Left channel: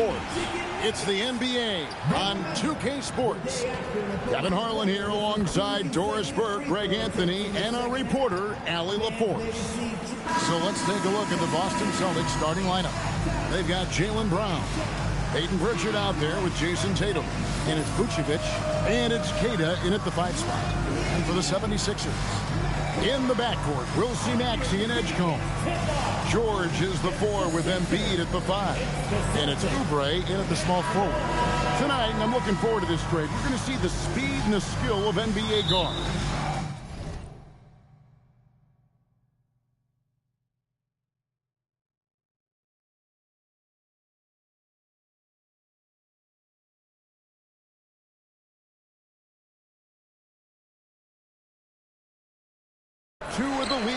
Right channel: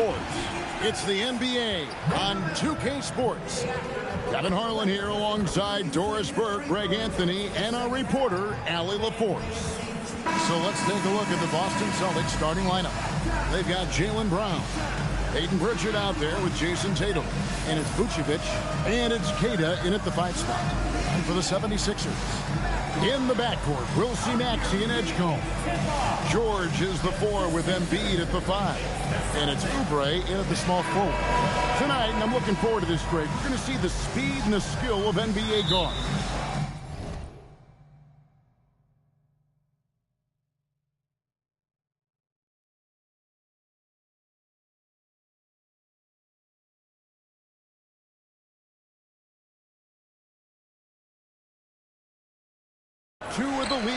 sports. It's the NBA on 2K Sports. Kevin Harlan here alongside Doris Burke, Greg Anthony, and our reporter, Allie LaForce. So let's take a look at the Boston Celtics starting lineup. They've got Jaylen Brown, Peyton Pritchard out there with Jason Tatum. And it's Vucevic, and it's Queta in at the 5 spot. And for the 76ers, in the backcourt, we'll see Maxey and Edgecombe. George is the 4 with Embiid at the 5. And it's Oubre in at the small forward. Tonight, and I'm looking forward to this trade, we're going to see the speed and the skill of NBA guards. Two of the lead.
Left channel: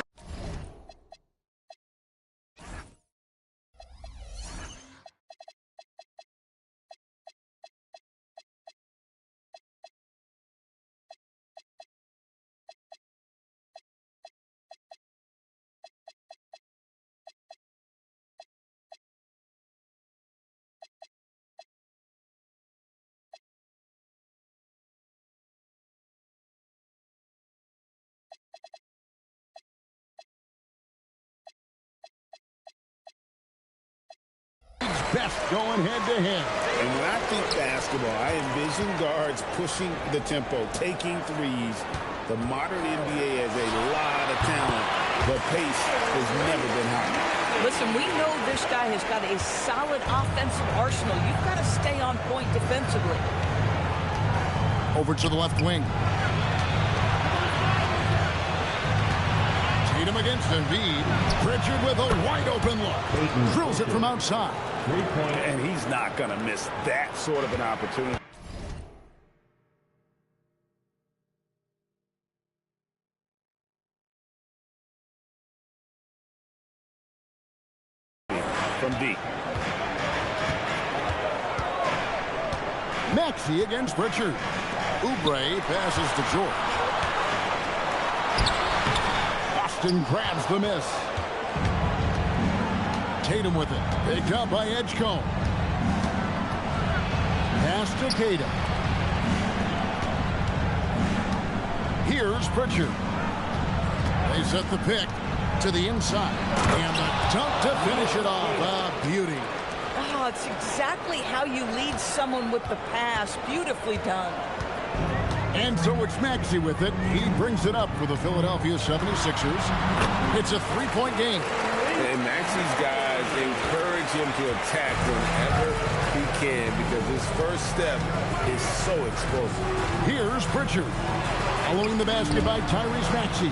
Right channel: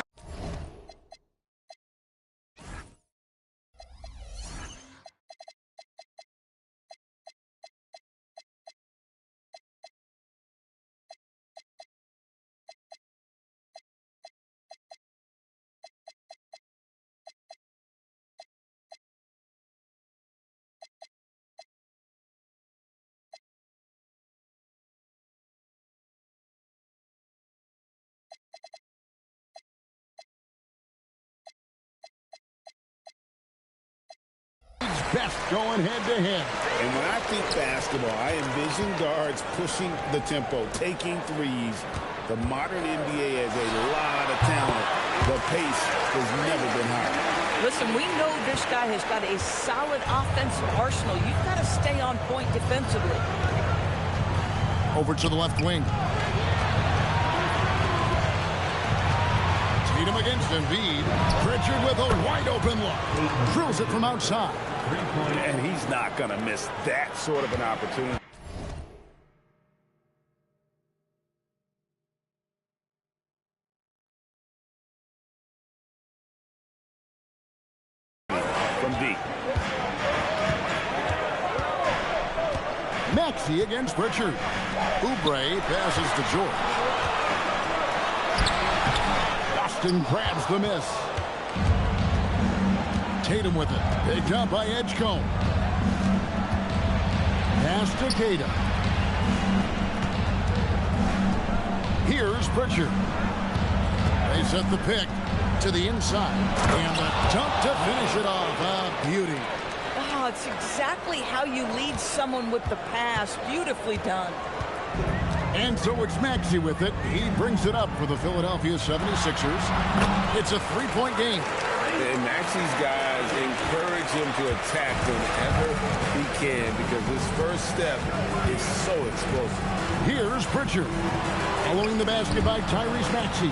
Best going head-to-head. And when I think basketball, I envision guards pushing the tempo, taking threes. The modern NBA has a lot of talent. The pace has never been higher. Listen, we know this guy has got a solid offensive arsenal. You've got to stay on point defensively. Over to the left wing. Tatum against Embiid. Pritchard with a wide-open look. Drills it from outside. And he's not going to miss that sort of an opportunity. From deep. Maxey against Pritchard. Oubre passes to George. Boston grabs the miss. Tatum with it. Picked up by Edgecombe. Pass to Queta. Here's Pritchard. They set the pick to the inside. And the dunk to finish it off. A beauty. Oh, it's exactly how you lead someone with the pass. Beautifully done. And so it's Maxey with it. He brings it up for the Philadelphia 76ers. It's a 3-point game. And Maxey's guys encourage him to attack whenever he can because his first step is so explosive. Here's Pritchard. Following the basket by Tyrese Maxey.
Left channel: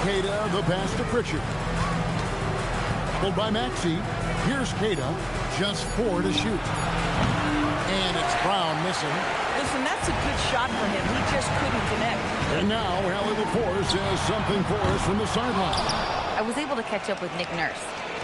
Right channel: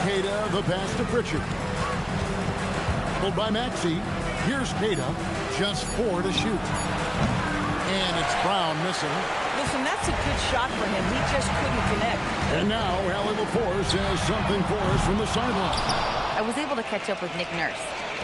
Queta, the pass to Pritchard. Pulled by Maxey. Here's Queta. Just 4 to shoot. And it's Brown missing. Listen, that's a good shot for him. He just couldn't connect. And now Allie LaForce has something for us from the sideline. I was able to catch up with Nick Nurse.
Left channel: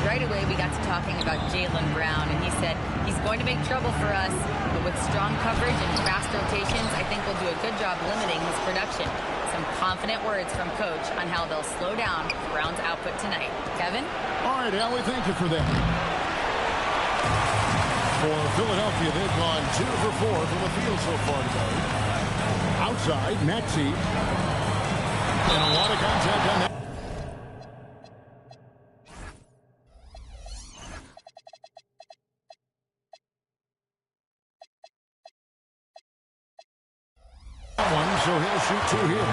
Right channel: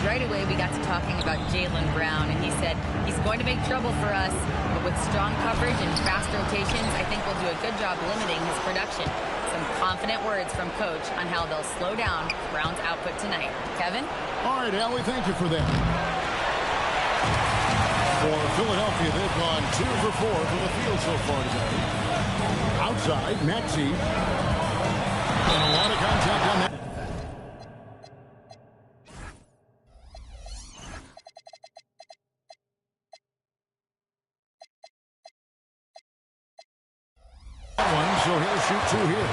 Right away, we got to talking about Jaylen Brown, and he said he's going to make trouble for us, but with strong coverage and fast rotations, I think we'll do a good job limiting his production. Some confident words from Coach on how they'll slow down Brown's output tonight. Kevin? All right, Allie, thank you for that. For Philadelphia, they've gone 2 for 4 from the field so far today. Outside, Maxey. And a lot of contact on that. One, so he'll shoot 2 here.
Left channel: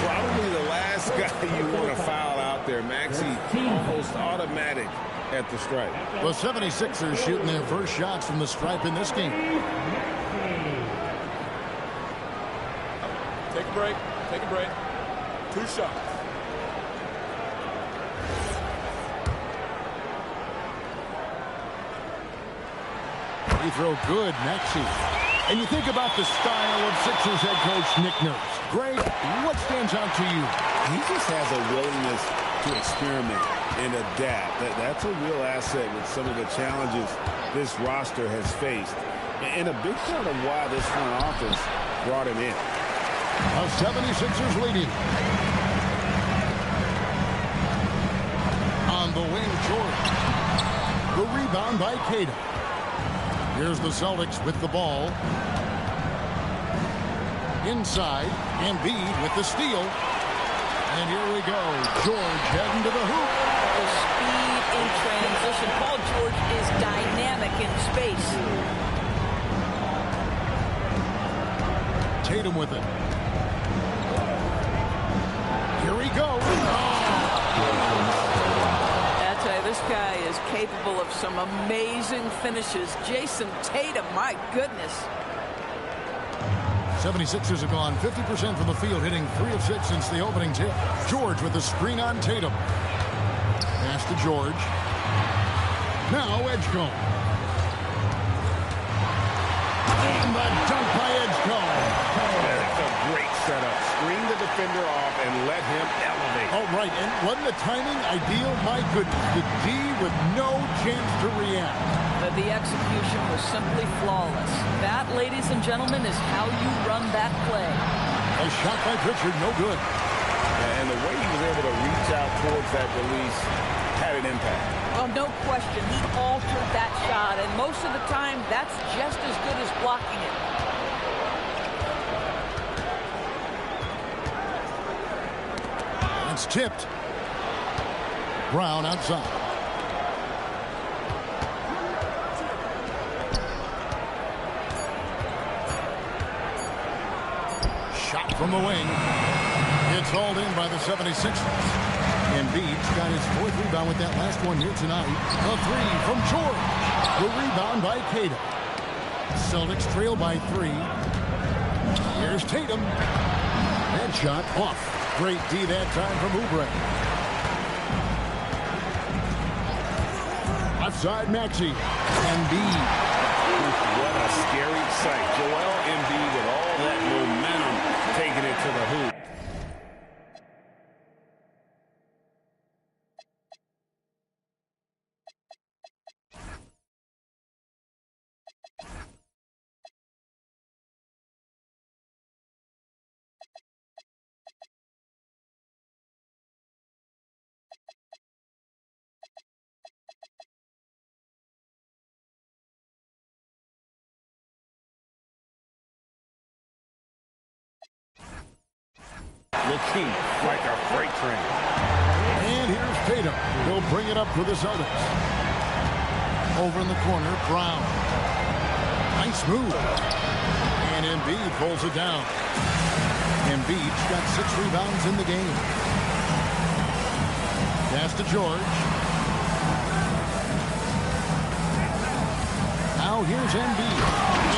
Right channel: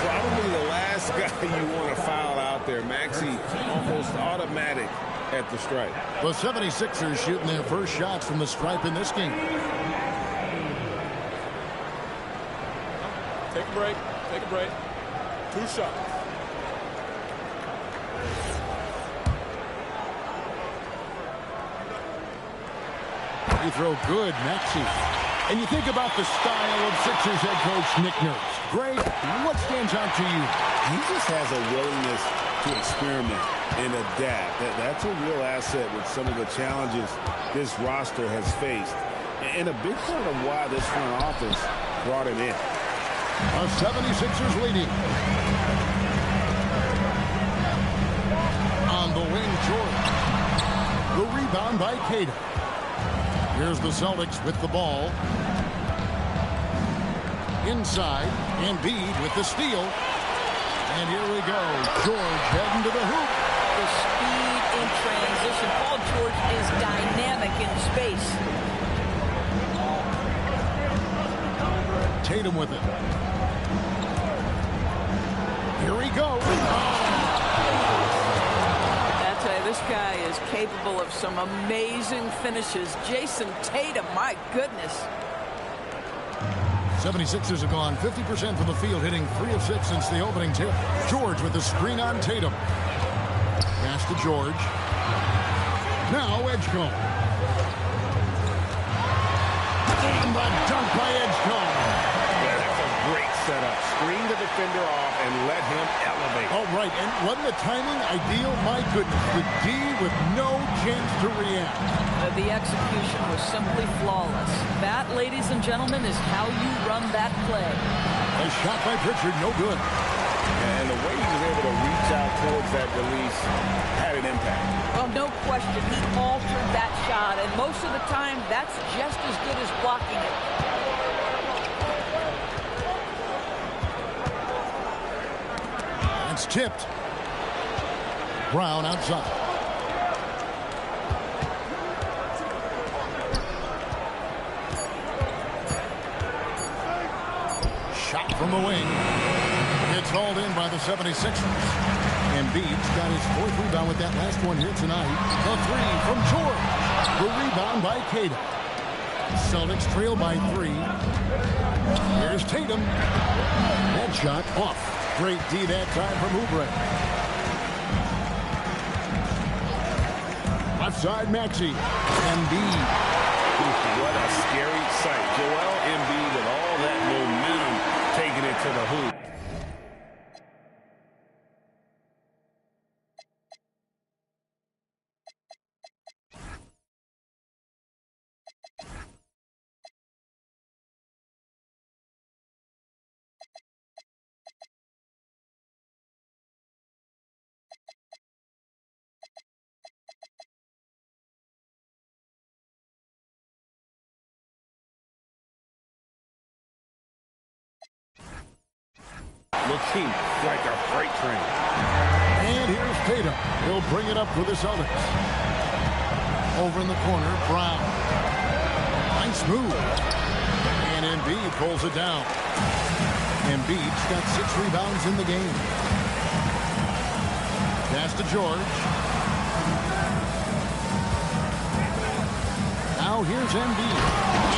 Probably the last guy you want to foul out there. Maxey almost automatic at the stripe. The 76ers shooting their first shots from the stripe in this game. Take a break. Take a break. 2 shots. Free throw good, Maxey. And you think about the style of Sixers head coach Nick Nurse. Greg, what stands out to you? He just has a willingness to experiment and adapt. That's a real asset with some of the challenges this roster has faced. And a big part of why this front office brought him in. The 76ers leading. On the wing, George. The rebound by Tatum. Here's the Celtics with the ball. Inside, Embiid with the steal. And here we go. George heading to the hoop. The speed in transition. Paul George is dynamic in space. Tatum with it. Here he goes. I tell you, this guy is capable of some amazing finishes. Jason Tatum, my goodness. 76ers have gone 50% from the field, hitting 3 of 6 since the opening tip. George with the screen on Tatum. Pass to George. Now Edgecombe. And the dunk by Edgecombe. Yeah, that's a great setup. Screen the defender off and let him elevate. Oh, right. And wasn't the timing ideal? My goodness. The D with no chance to react. The execution was simply flawless. That, ladies and gentlemen, is how you run that play. A shot by Pritchard, no good. And the way he was able to reach out towards that release had an impact. Well, no question. He altered that shot, and most of the time, that's just as good as blocking it. That's tipped. Brown outside. Shot from the wing. It's hauled in by the 76ers. Embiid's got his 4th rebound with that last one here tonight. The 3 from George. The rebound by Tatum. Celtics trail by 3. Here's Tatum. That shot off. Great D that time from Oubre. Left side, Maxey. Embiid. What a scary sight. Joel Embiid with all that momentum taking it to the hoop. Looking like a freight train. And here's Tatum. He'll bring it up for the Celtics. Over in the corner, Brown. Nice move. And Embiid pulls it down. Embiid's got 6 rebounds in the game. Pass to George. Now here's Embiid.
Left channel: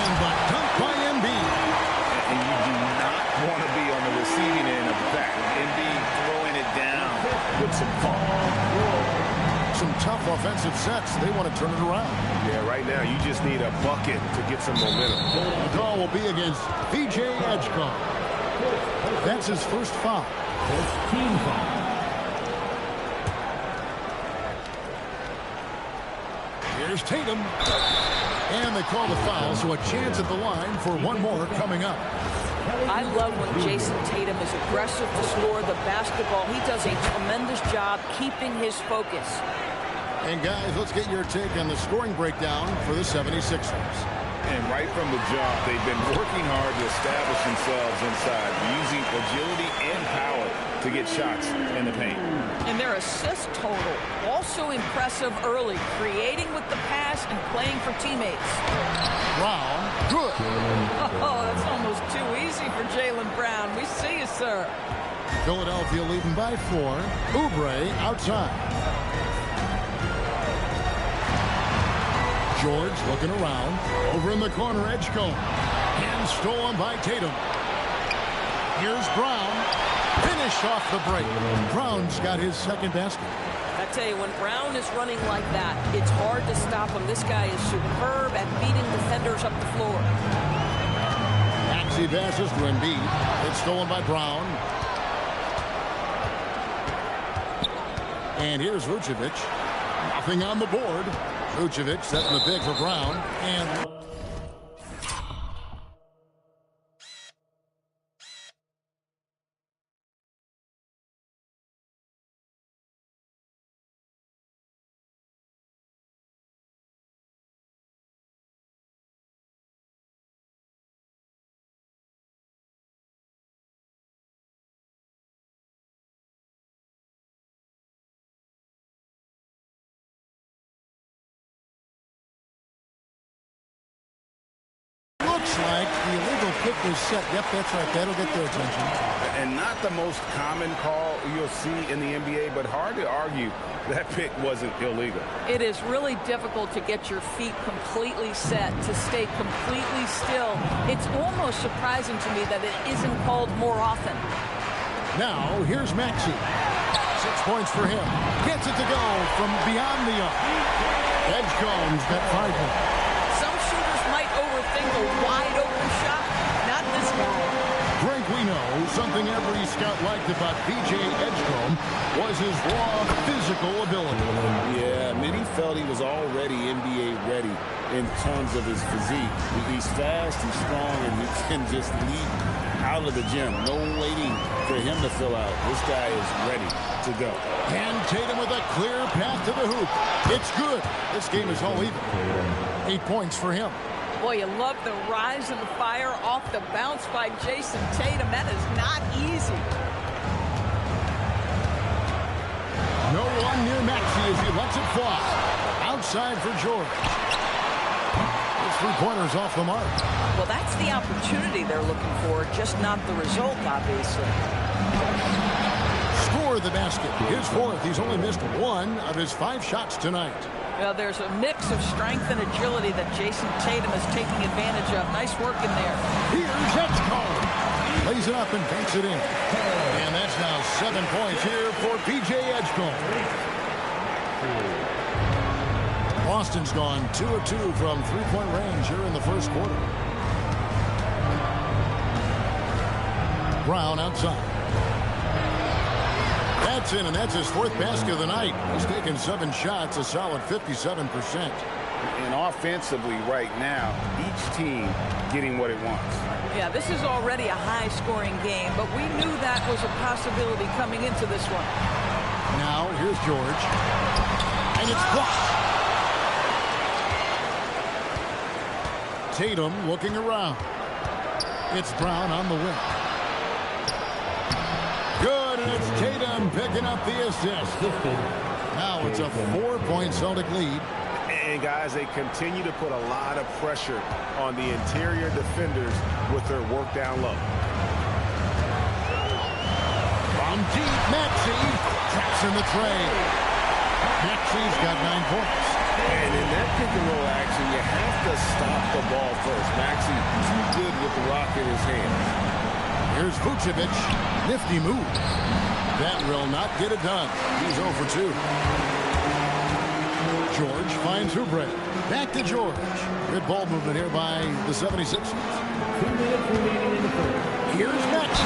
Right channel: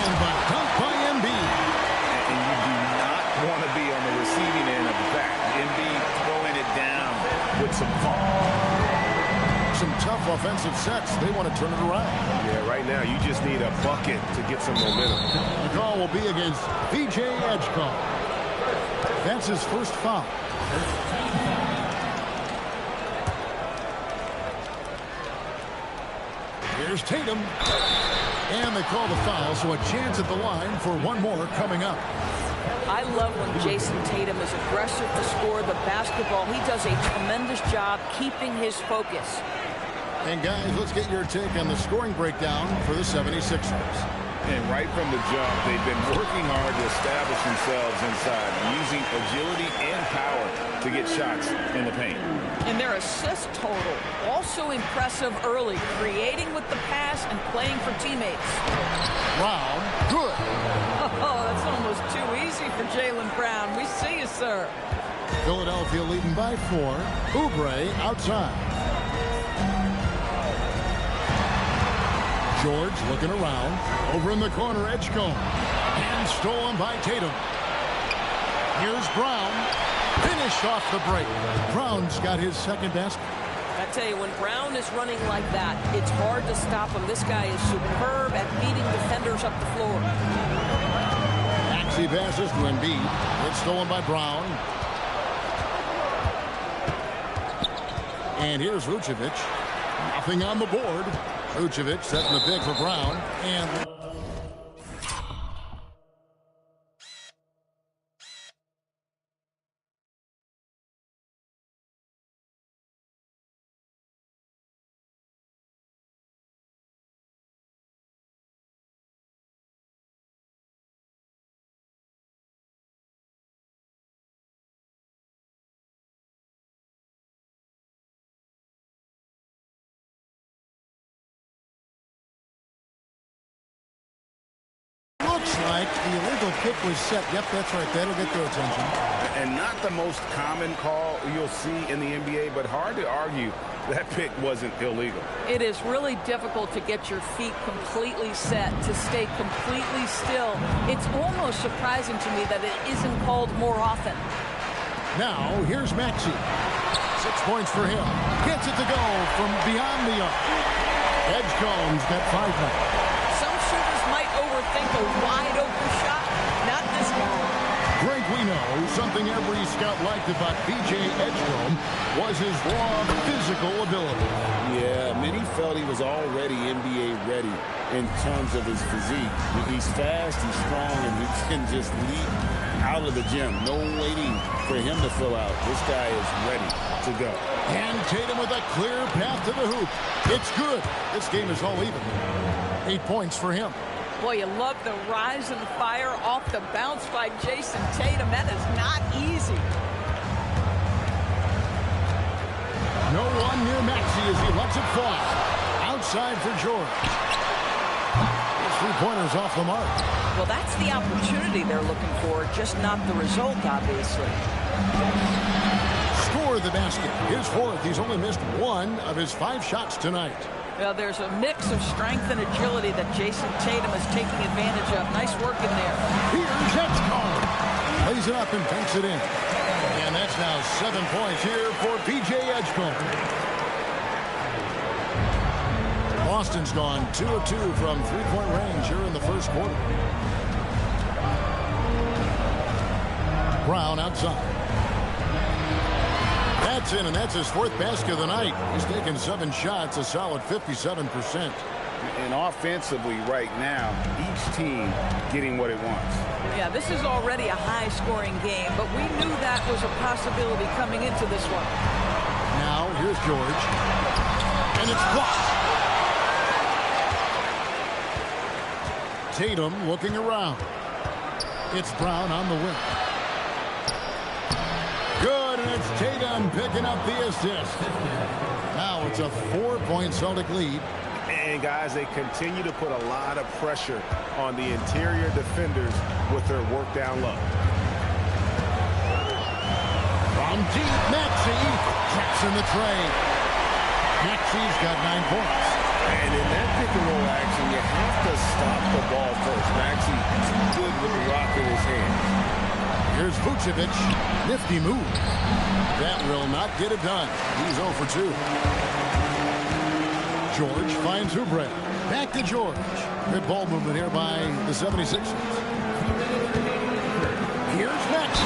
And the dunk by Embiid. And you do not want to be on the receiving end of that. Embiid throwing it down with some fun. Some tough offensive sets. They want to turn it around. Yeah, right now you just need a bucket to get some momentum. The call will be against VJ Edgecombe. That's his first foul. Team foul. Here's Tatum. And they call the foul, so a chance at the line for one more coming up. I love when Jason Tatum is aggressive to score the basketball. He does a tremendous job keeping his focus. And guys, let's get your take on the scoring breakdown for the 76ers. And right from the jump, they've been working hard to establish themselves inside, using agility and power to get shots in the paint. And their assist total, also impressive early, creating with the pass and playing for teammates. Brown, good. Oh, that's almost too easy for Jaylen Brown. We see you, sir. Philadelphia leading by 4. Oubre outside. George looking around. Over in the corner, Edgecombe. And stolen by Tatum. Here's Brown. Finished off the break. Brown's got his 2nd basket. I tell you, when Brown is running like that, it's hard to stop him. This guy is superb at beating defenders up the floor. Maxey passes to Embiid. It's stolen by Brown. And here's Vucevic. Nothing on the board. Vucevic setting the pick for Brown. And like the illegal kick was set. Yep, that's right. That'll get their attention. And not the most common call you'll see in the NBA, but hard to argue that pick wasn't illegal. It is really difficult to get your feet completely set, to stay completely still. It's almost surprising to me that it isn't called more often. Now, here's Maxey. 6 points for him. Gets it to go from beyond the arc. Edgecombe's got 5 now. Some shooters might overthink a wide-open shot. Not this guy. Greg, we know something every scout liked about B.J. Edgecombe was his raw physical ability. Yeah, many felt he was already NBA ready in terms of his physique. He's fast, he's strong, and he can just leap out of the gym. No waiting for him to fill out. This guy is ready to go. And Tatum with a clear path to the hoop. It's good. This game is all even. 8 points for him. Boy, you love the rise and fire off the bounce by Jason Tatum. That is not easy. No one near Maxey as he lets it fly. Outside for George. His three-pointer's off the mark. Well, that's the opportunity they're looking for, just not the result, obviously. Score the basket. His fourth. He's only missed 1 of his 5 shots tonight. Well, there's a mix of strength and agility that Jason Tatum is taking advantage of. Nice work in there. Here's Edgecombe. Lays it up and banks it in. And that's now 7 points here for P.J. Edgecombe. Boston's gone 2 of 2 from three-point range here in the first quarter. Brown outside. That's in, and that's his 4th basket of the night. He's taken 7 shots, a solid 57%. And offensively right now, each team getting what it wants. Yeah, this is already a high-scoring game, but we knew that was a possibility coming into this one. Now, here's George. And it's blocked. Tatum looking around. It's Brown on the wing. Good, and it's Tatum picking up the assist. Now it's a 4-point Celtic lead. And guys, they continue to put a lot of pressure on the interior defenders with their work down low. From deep, Maxey traps in the tray. Maxey's got 9 points. And in that pick-and-roll action, you have to stop the ball first. Maxey too good with the rock in his hands. Here's Vucevic. Nifty move. That will not get it done. He's 0 for 2. George finds Oubre. Back to George. Good ball movement here by the 76ers. Here's Maxey.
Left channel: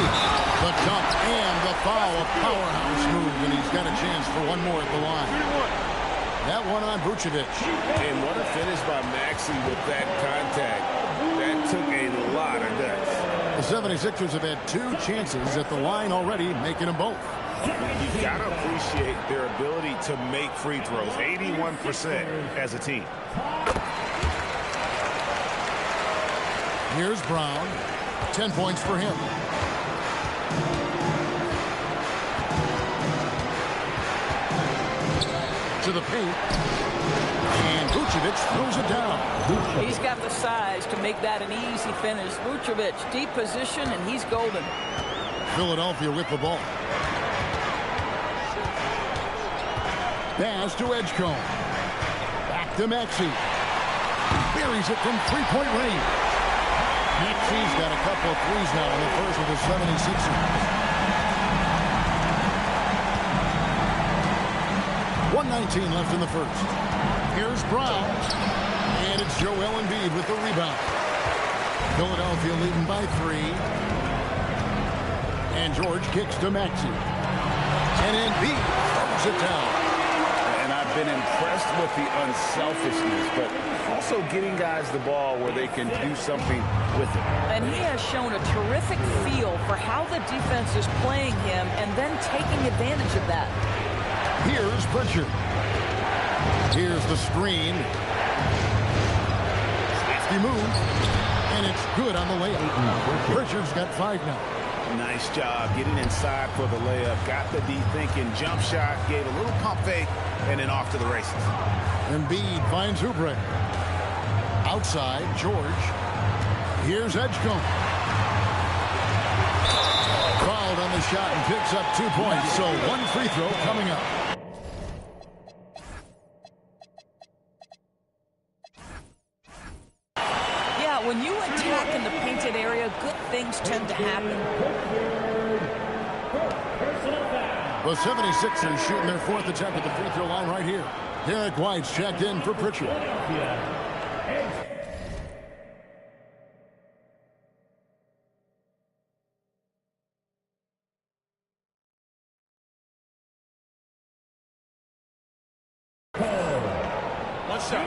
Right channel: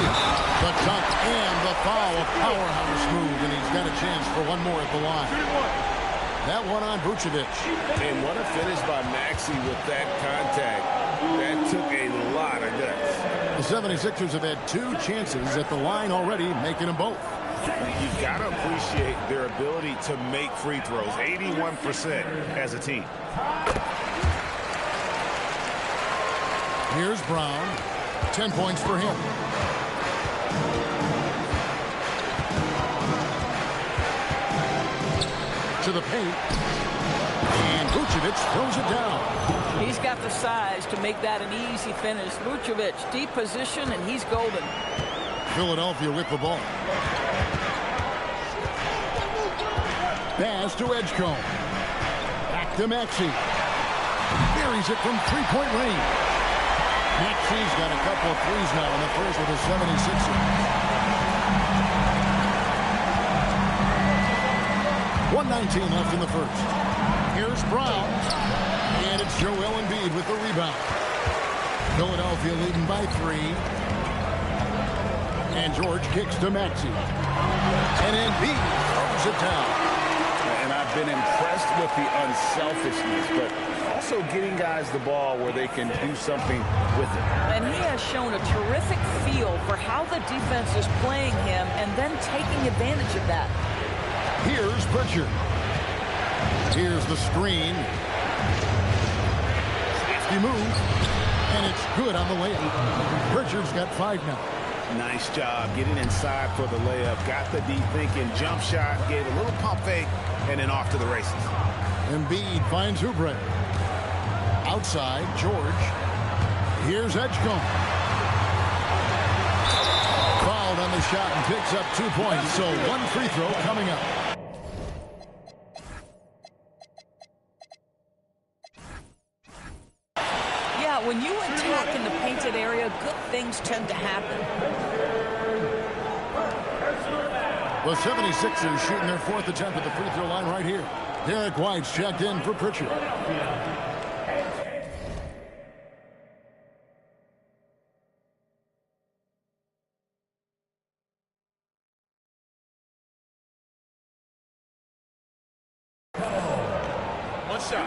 The dunk and the foul. A powerhouse move, and he's got a chance for one more at the line. That one on Vucevic. And what a finish by Maxey with that contact. That took a lot of guts. The 76ers have had 2 chances at the line already, making them both. You've got to appreciate their ability to make free throws. 81% as a team. Here's Brown. 10 points for him. To the paint. And Vucevic throws it down. He's got the size to make that an easy finish. Vucevic, deep position, and he's golden. Philadelphia with the ball. Pass to Edgecombe. Back to Maxey. Buries it from three-point range. Maxey's got a couple of threes now in the first with the 76ers. 1:19 left in the first. Here's Brown. And it's Joel Embiid with the rebound. Philadelphia leading by 3. And George kicks to Maxey. And Embiid throws it down. And I've been impressed with the unselfishness, but also getting guys the ball where they can do something with it. And he has shown a terrific feel for how the defense is playing him and then taking advantage of that. Here's Pritchard. Here's the screen. Safety move. And it's good on the layup. Pritchard's got 5 now. Nice job getting inside for the layup. Got the deep thinking jump shot. Gave a little pump fake. And then off to the races. Embiid finds Oubre. Outside, George. Here's Edgecombe. Fouled on the shot and picks up 2 points. So one free throw coming up. Yeah, when you attack in the painted area, good things tend to happen. The 76ers shooting their 4th attempt at the free throw line right here. Derek White's checked in for Pritchard. One shot.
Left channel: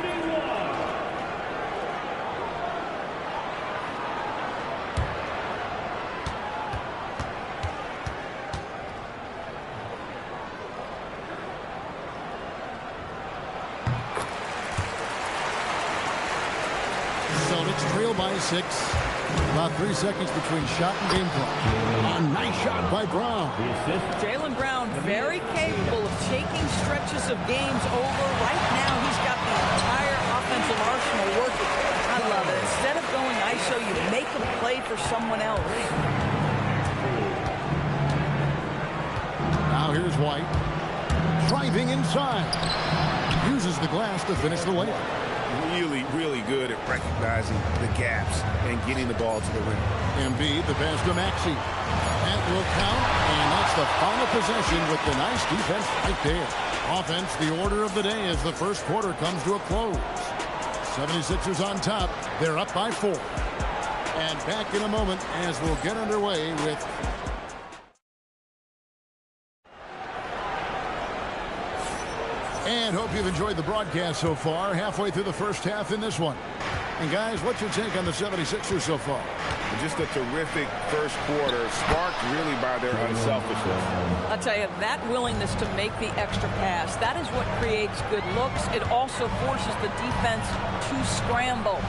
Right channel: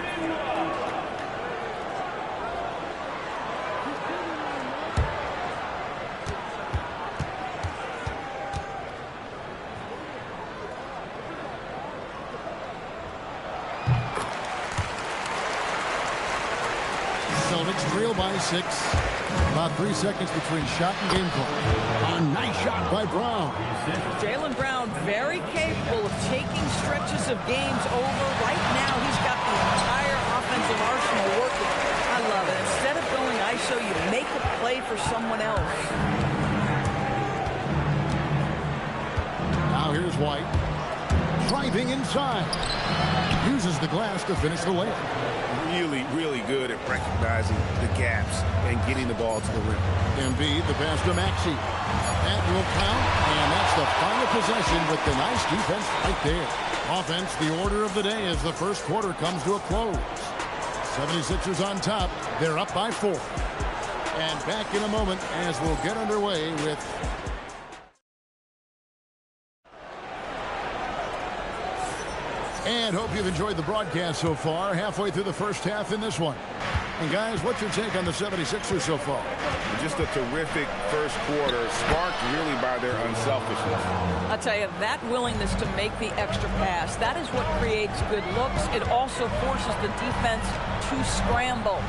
Celtics trail by 6. About 3 seconds between shot and game clock. A nice shot by Brown. Jaylen Brown, very capable of taking stretches of games over. Right now, he's got the entire offensive arsenal working. I love it. Instead of going ISO, you make a play for someone else. Now here's White. Driving inside. Uses the glass to finish the layup. Really, really good at recognizing the gaps and getting the ball to the rim. Embiid, the pass to Maxey. That will count, and that's the final possession with the nice defense right there. Offense, the order of the day as the first quarter comes to a close. 76ers on top. They're up by 4. And back in a moment as we'll get underway with... And hope you've enjoyed the broadcast so far. Halfway through the first half in this one. And guys, what's your take on the 76ers so far? Just a terrific first quarter, sparked really by their unselfishness. I'll tell you, that willingness to make the extra pass, that is what creates good looks. It also forces the defense to scramble.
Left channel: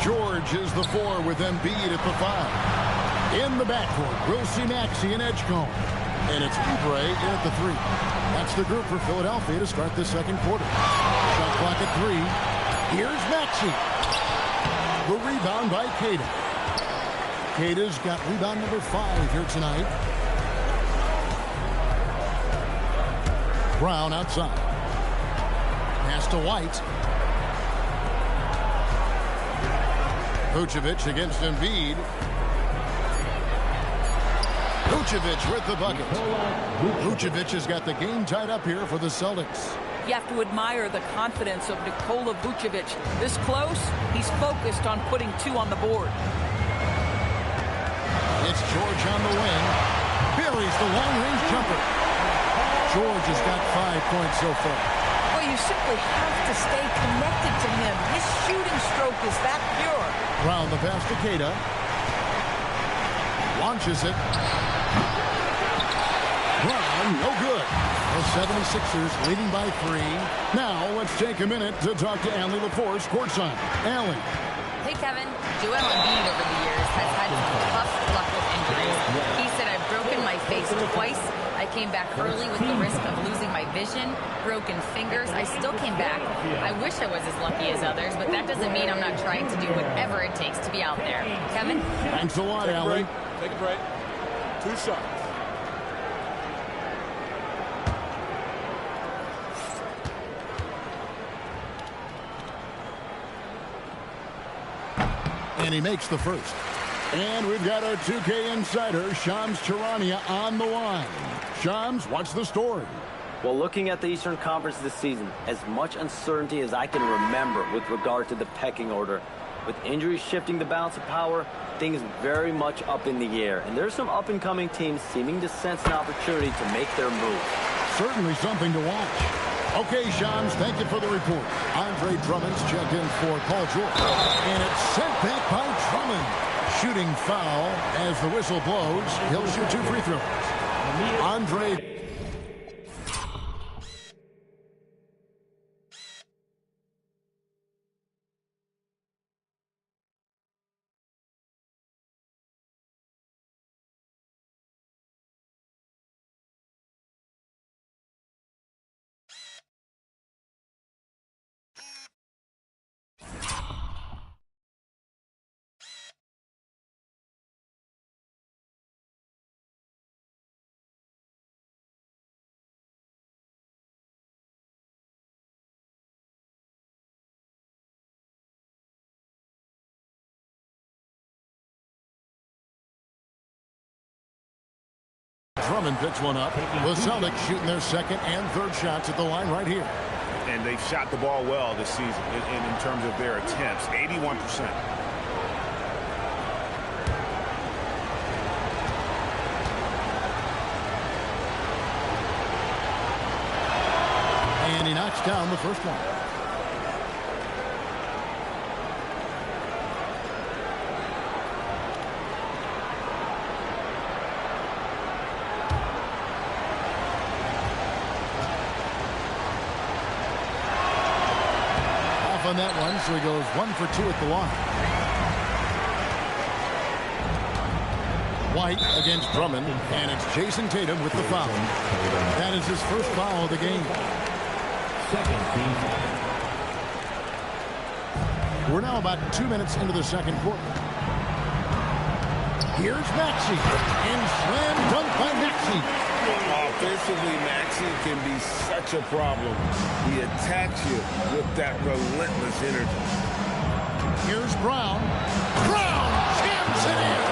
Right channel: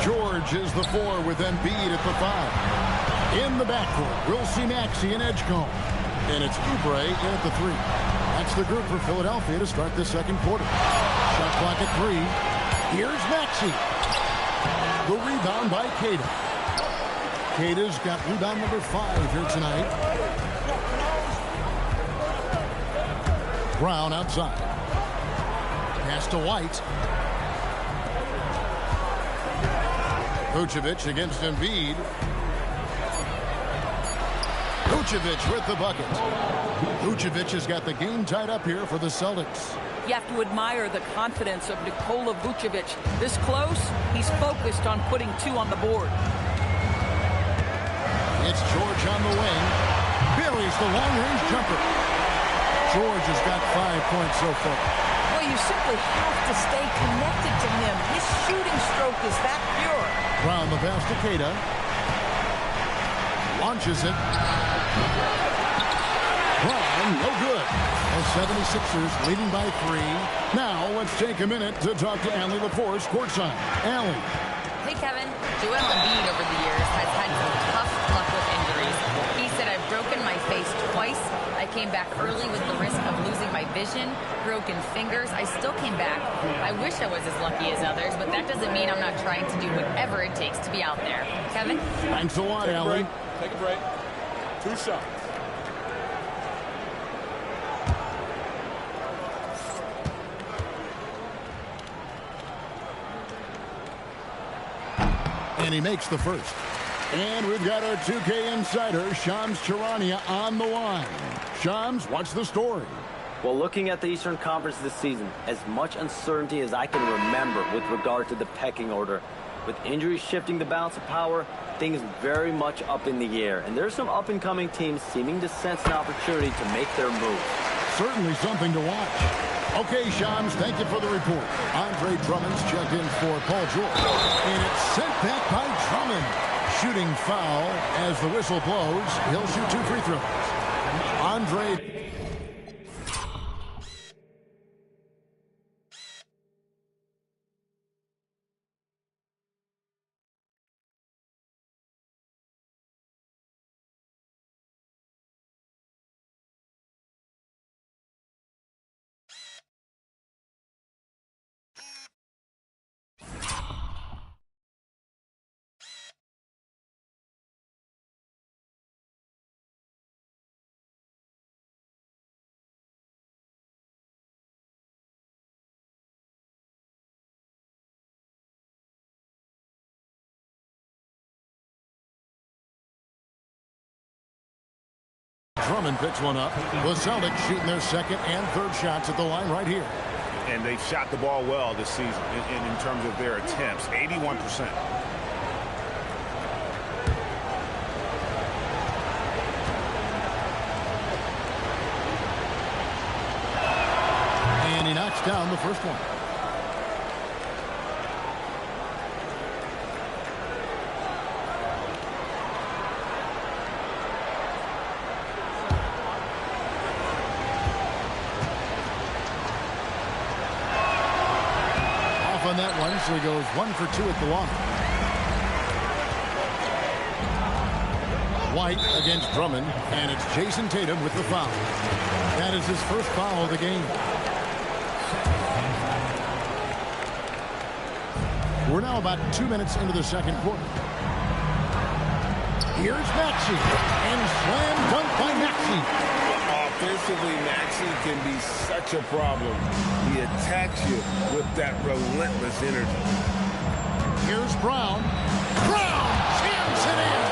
George is the 4 with Embiid at the 5. In the backcourt, we'll see Maxey and Edgecombe. And it's Oubre in at the 3. That's the group for Philadelphia to start this second quarter. Shot clock at 3. Here's Maxey. The rebound by Queta. Queta's got rebound number 5 here tonight. Brown outside. Pass to White. Vucevic against Embiid. Vucevic with the bucket. Vucevic has got the game tied up here for the Celtics. You have to admire the confidence of Nikola Vucevic. This close, he's focused on putting 2 on the board. It's George on the wing. Buries the long-range jumper. George has got 5 points so far. Well, you simply have to stay connected to him. His shooting stroke is that pure. Brown the pass to Queta. Launches it. Brown, no good. The 76ers leading by 3. Now let's take a minute to talk to Allie LaForce courtside. Allie. Hey, Kevin. Joel Embiid over the years has had some tough luck with injuries. He said, I've broken my face twice. I came back early with the risk of losing my vision, broken fingers. I still came back. I wish I was as lucky as others, but that doesn't mean I'm not trying to do whatever it takes to be out there. Kevin? Thanks a lot, Allie. Take a break. 2 shots. And he makes the first. And we've got our 2K insider, Shams Charania, on the line. Shams, what's the story? Well, looking at the Eastern Conference this season, as much uncertainty as I can remember with regard to the pecking order. With injuries shifting the balance of power, things very much up in the air. And there's some up-and-coming teams seeming to sense an opportunity to make their move. Certainly something to watch. Okay, Shams, thank you for the report. Andre Drummond's checked in for Paul George. And it's sent back by Drummond. Shooting foul as the whistle blows. He'll shoot 2 free throws. Andre Drummond picks one up. The Celtics shooting their second and third shots at the line right here. And they've shot the ball well this season in terms of their attempts, 81%. And he knocks down the first one. Off on that one, so he goes 1 for 2 at the line. White against Drummond, and it's Jason Tatum with the foul. That is his first foul of the game. We're now about 2 minutes into the second quarter. Here's Maxey, and slam dunk by Maxey. Offensively, Maxey can be such a problem. He attacks you with that relentless energy. Here's Brown. Brown jams it in.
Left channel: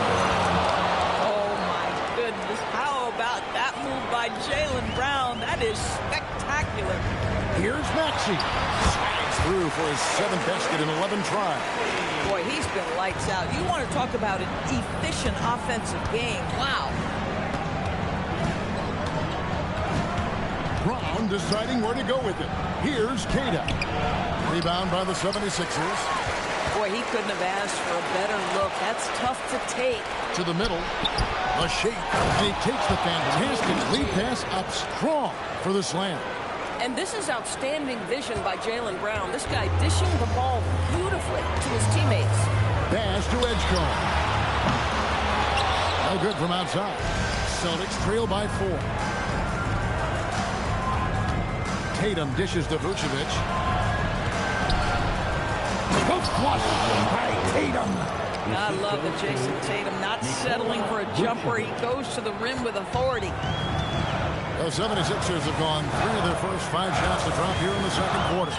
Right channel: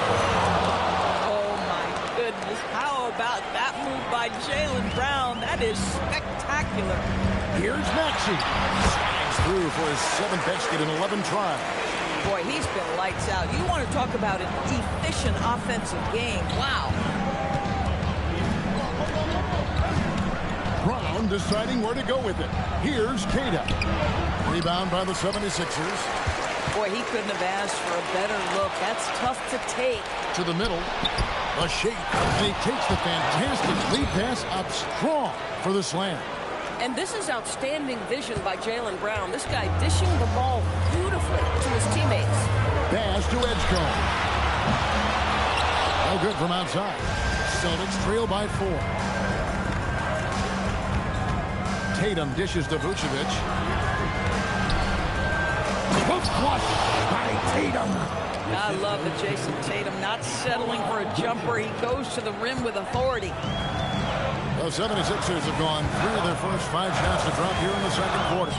Oh, my goodness. How about that move by Jaylen Brown? That is spectacular. Here's Maxey. Slides through for his 7th basket in 11 tries. Boy, he's been lights out. You want to talk about an efficient offensive game. Wow. Brown deciding where to go with it. Here's Tatum. Rebound by the 76ers. Boy, he couldn't have asked for a better look. That's tough to take. To the middle. A shake. And he takes the fantastic lead pass up strong for the slam. And this is outstanding vision by Jaylen Brown. This guy dishing the ball beautifully to his teammates. Pass to Edgecombe. No good from outside. Celtics trail by 4. Tatum dishes to Vucevic. Hook flush by Tatum. I love the Jason Tatum not settling for a jumper. He goes to the rim with authority. The 76ers have gone 3 of their first 5 shots to drop here in the second quarter.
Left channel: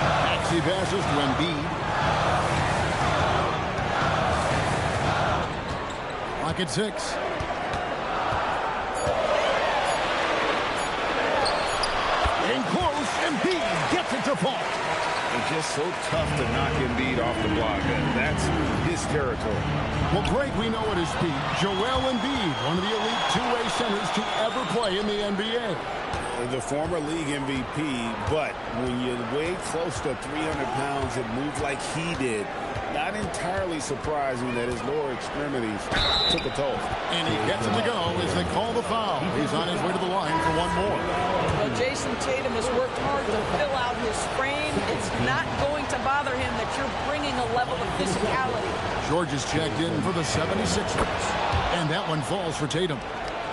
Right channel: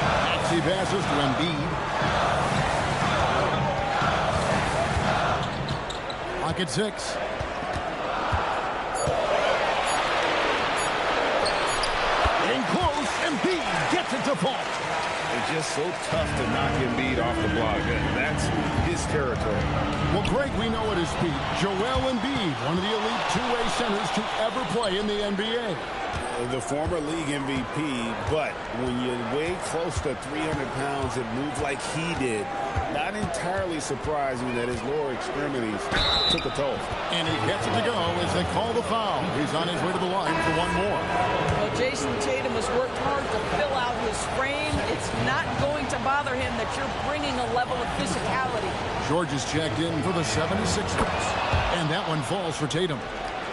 Maxey passes to Embiid. Clock at 6. Getting close. Embiid gets it to fall. It's just so tough to knock Embiid off the block. That's his territory. Well, Greg, we know at his peak, Joel Embiid, one of the elite two-way centers to ever play in the NBA. The former league MVP, but when you weigh close to 300 pounds and move like he did, not entirely surprising that his lower extremities took a toll. And he gets it to go as they call the foul. He's on his way to the line for one more. Well, Jason Tatum has worked hard to fill out his frame. It's not going to bother him that you're bringing a level of physicality. George is checked in for the 76ers. And that one falls for Tatum.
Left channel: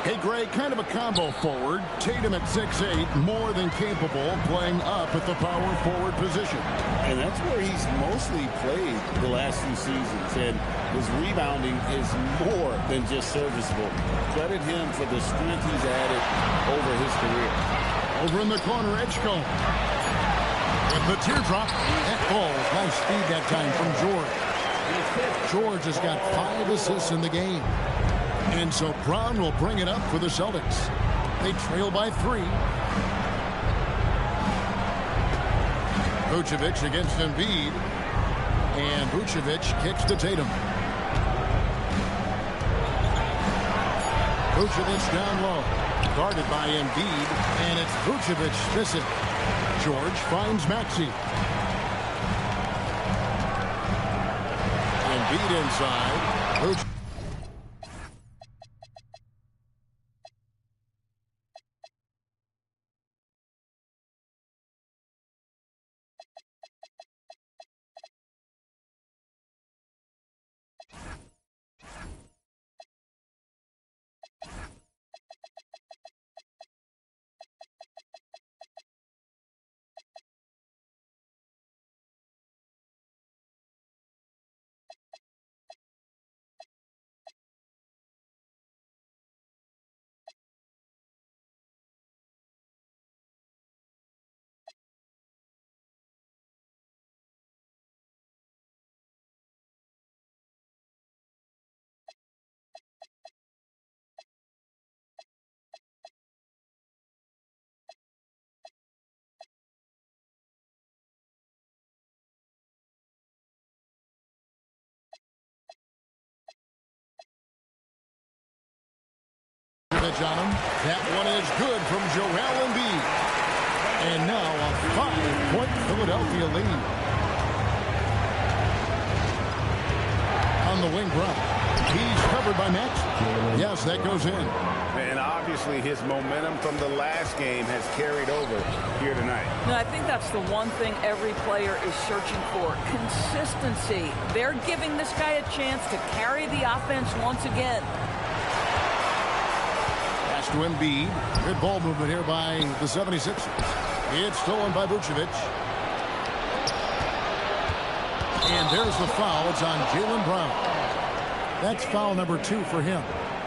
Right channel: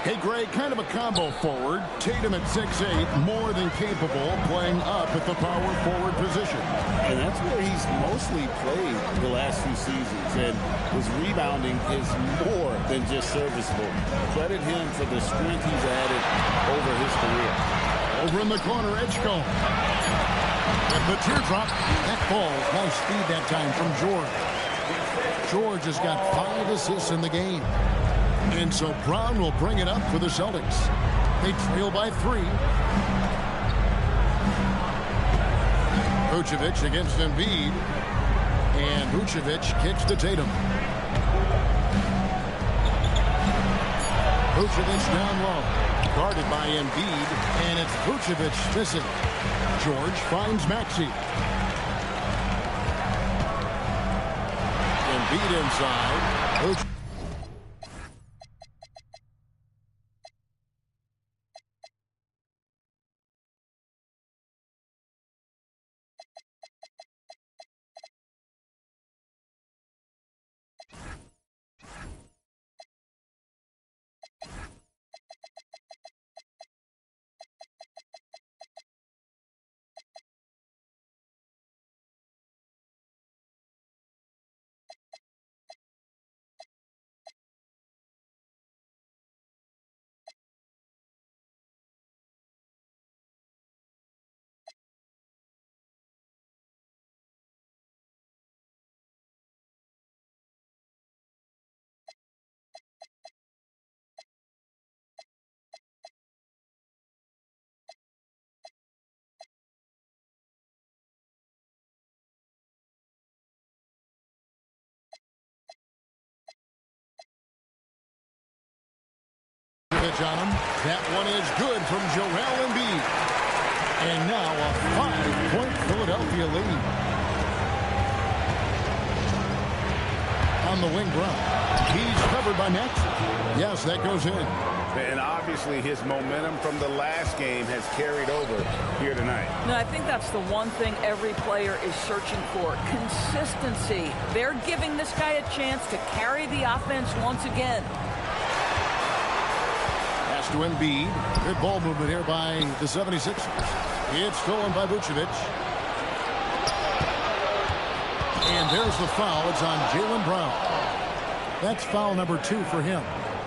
Hey, Greg, kind of a combo forward. Tatum at 6'8", more than capable of playing up at the power forward position. And that's where he's mostly played the last few seasons. And his rebounding is more than just serviceable. Credit him for the strength he's added over his career. Over in the corner, Edgecombe. With the teardrop, that falls. Nice speed that time from George. George has got 5 assists in the game. And so Brown will bring it up for the Celtics. They trail by 3. Vucevic against Embiid. And Vucevic kicks to Tatum. Vucevic down low. Guarded by Embiid. And it's Vucevic missing. George finds Maxey. Embiid inside. Vucevic. pitch on him. That one is good from Joel Embiid. And now a 5-point Philadelphia lead. On the wing, Brown. He's covered by Maxey. Yes, that goes in. And obviously his momentum from the last game has carried over here tonight. No, I think that's the one thing every player is searching for. Consistency. They're giving this guy a chance to carry the offense once again. Pass to Embiid. Good ball movement here by the 76ers. It's stolen by Vucevic. And there's the foul. It's on Jaylen Brown. That's foul number 2 for him.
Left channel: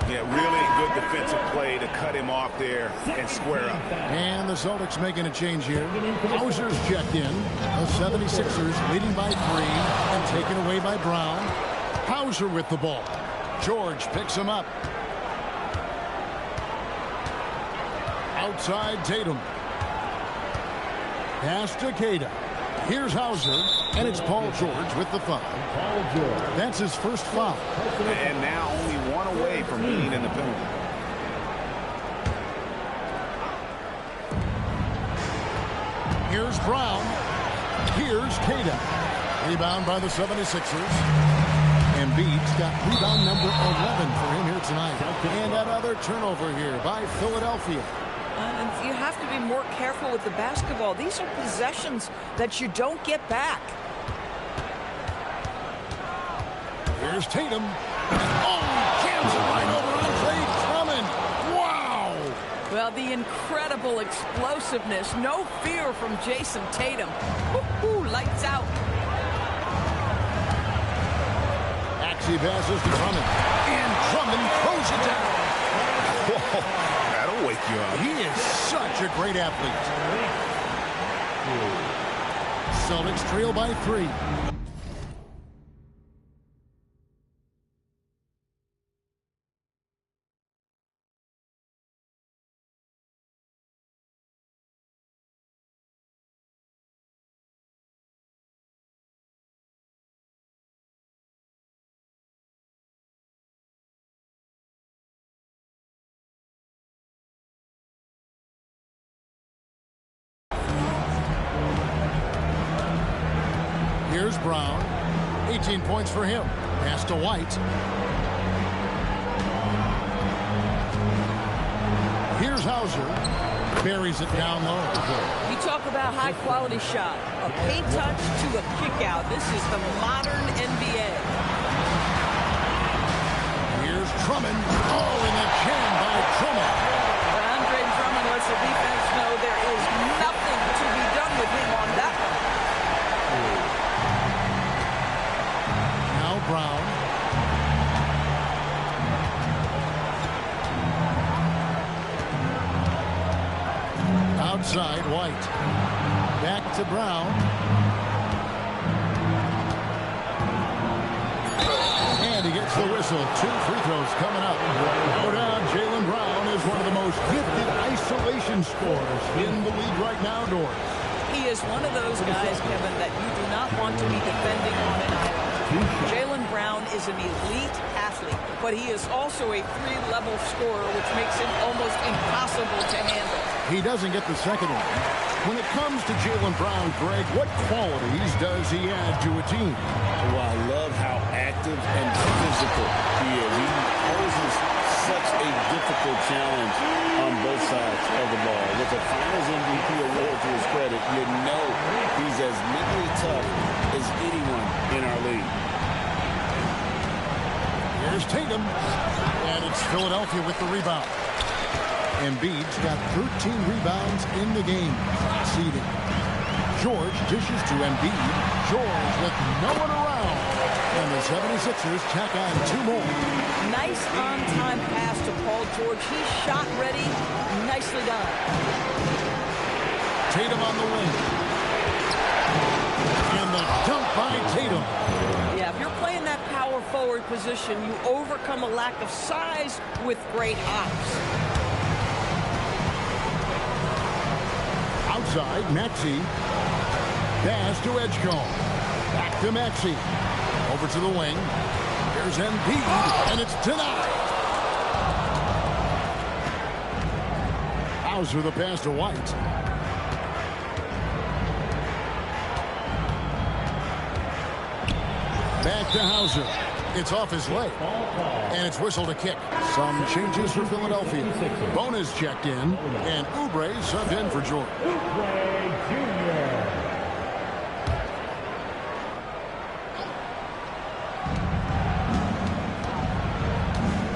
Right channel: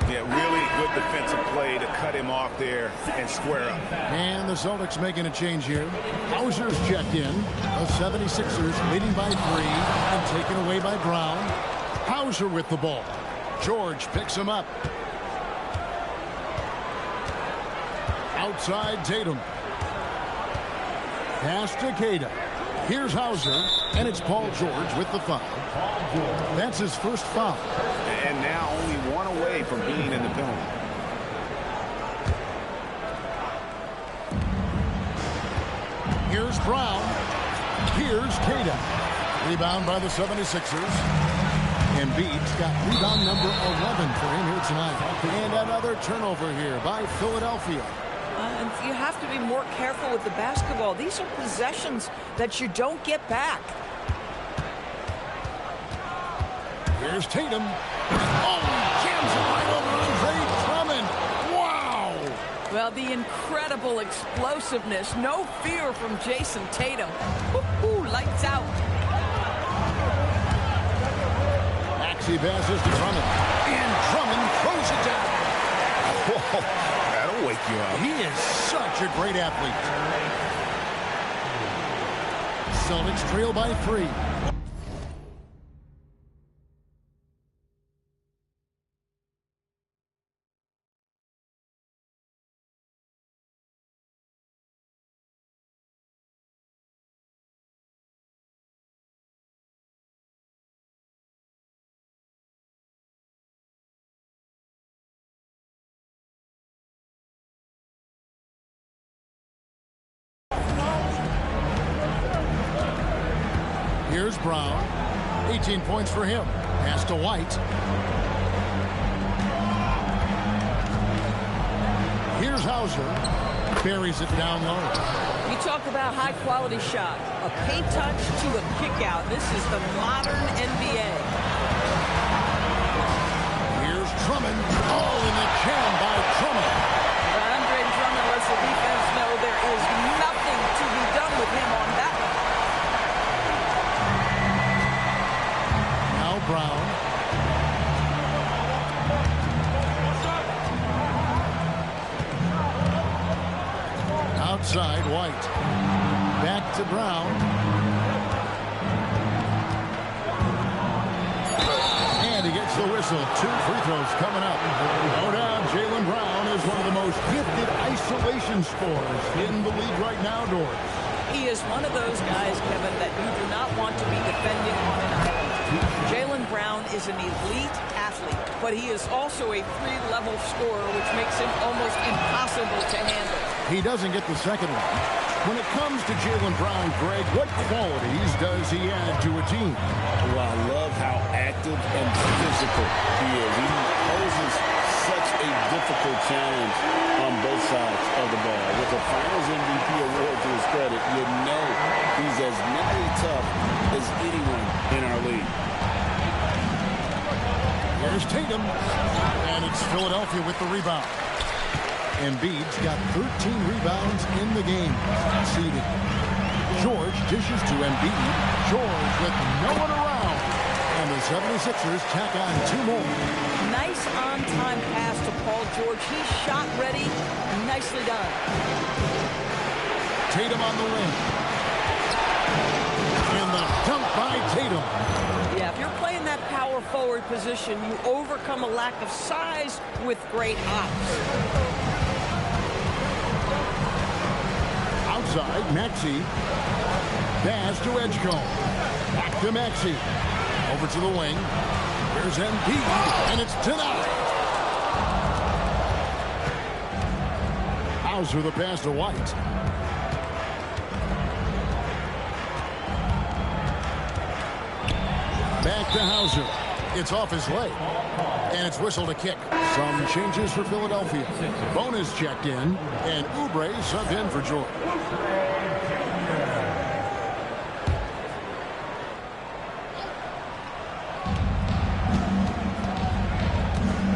Yeah, really good defensive play to cut him off there and square up. And the Celtics making a change here. Hauser's checked in. The 76ers leading by 3 and taken away by Brown. Hauser with the ball. George picks him up. Outside Tatum. Pass to Queta. Here's Hauser, and it's Paul George with the foul. That's his first foul. And now only one away from being in the penalty. Here's Brown. Here's Queta. Rebound by the 76ers. Embiid's got rebound number 11 for him here tonight. And another turnover here by Philadelphia. And you have to be more careful with the basketball. These are possessions that you don't get back. Here's Tatum. Oh, he jams it right over Andre Drummond. Wow. Well, the incredible explosiveness. No fear from Jason Tatum. Woo-hoo, lights out. Maxey passes to Drummond. And Drummond throws it down. Whoa, that'll wake you up. He is such a great athlete. Celtics trail by 3. Here's Brown. 18 points for him. Pass to White. Here's Hauser. Buries it down low. You talk about high-quality shot. A paint touch to a kick-out. This is the modern NBA. Here's Drummond. Oh, and the jam by Drummond. Andre Drummond lets the defense know there is nothing to be done with him on that one. Now Brown. Outside White. Back to Brown. And he gets the whistle. 2 free throws coming up. No doubt Jaylen Brown is one of the most gifted isolation scorers in the league right now, Doris. He is one of those guys, Kevin, that you do not want to be defending on an island. Jaylen Brown is an elite athlete, but he is also a 3-level scorer, which makes him almost impossible to handle. He doesn't get the second one. When it comes to Jaylen Brown, Greg, what qualities does he add to a team? Well, I love how active and physical he is. He poses such a difficult challenge on both sides of the ball. With a Finals MVP award to his credit, you know he's as mentally tough as anyone in our league. Here's Tatum, and it's Philadelphia with the rebound. Embiid's got 13 rebounds in the game, leading. George dishes to Embiid. George with no one around. And the 76ers tack on 2 more. Nice on-time pass to Paul George. He's shot ready. Nicely done. Tatum on the wing. And the dunk by Tatum. Yeah, if you're playing that power forward position, you overcome a lack of size with great hops. Outside, Maxey. Pass to Edgecombe. Back to Maxey. Over to the wing. Here's Embiid, and it's denied. Hauser the pass to White. Back to Hauser. It's off his leg. And it's whistled a kick. Some changes for Philadelphia. Bona's checked in. And Oubre subbed in for George.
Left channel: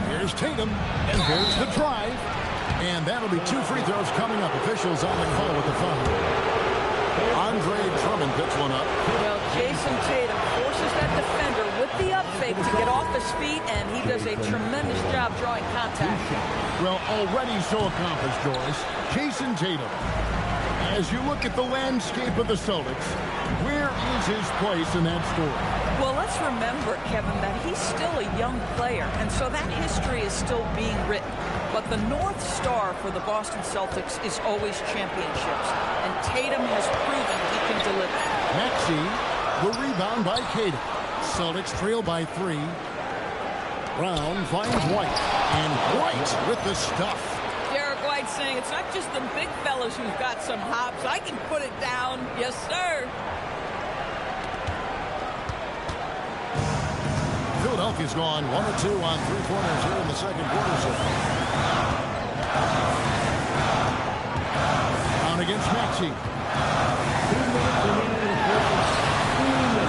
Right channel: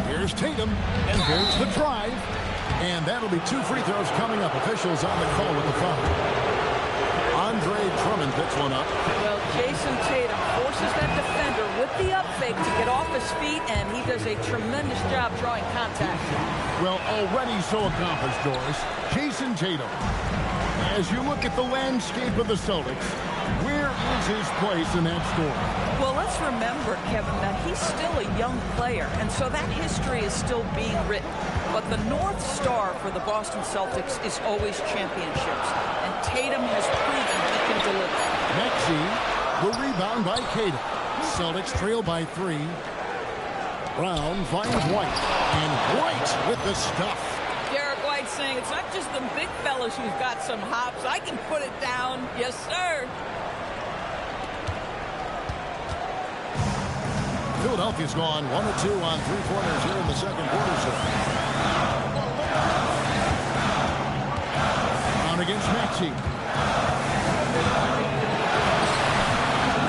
Here's Tatum. And there's the drive. And that'll be 2 free throws coming up. Officials on the call with the foul. Andre Drummond picks one up. Well, Jason Tatum forces that defender with the up fake to get off his feet, and he does a tremendous job drawing contact. Well, already so accomplished, Doris. Jason Tatum. As you look at the landscape of the Celtics, where is his place in that story? Well, let's remember, Kevin, that he's still a young player, and so that history is still being written. But the North Star for the Boston Celtics is always championships, and Tatum has proven he can deliver. Maxey, the rebound by Tatum. Celtics trail by 3. Brown finds White, and White with the stuff. Derek White saying it's not just the big fellas who've got some hops. I can put it down. Yes, sir. Philadelphia's gone 1 or 2 on 3-pointers here in the second quarter. Brown against Maxey.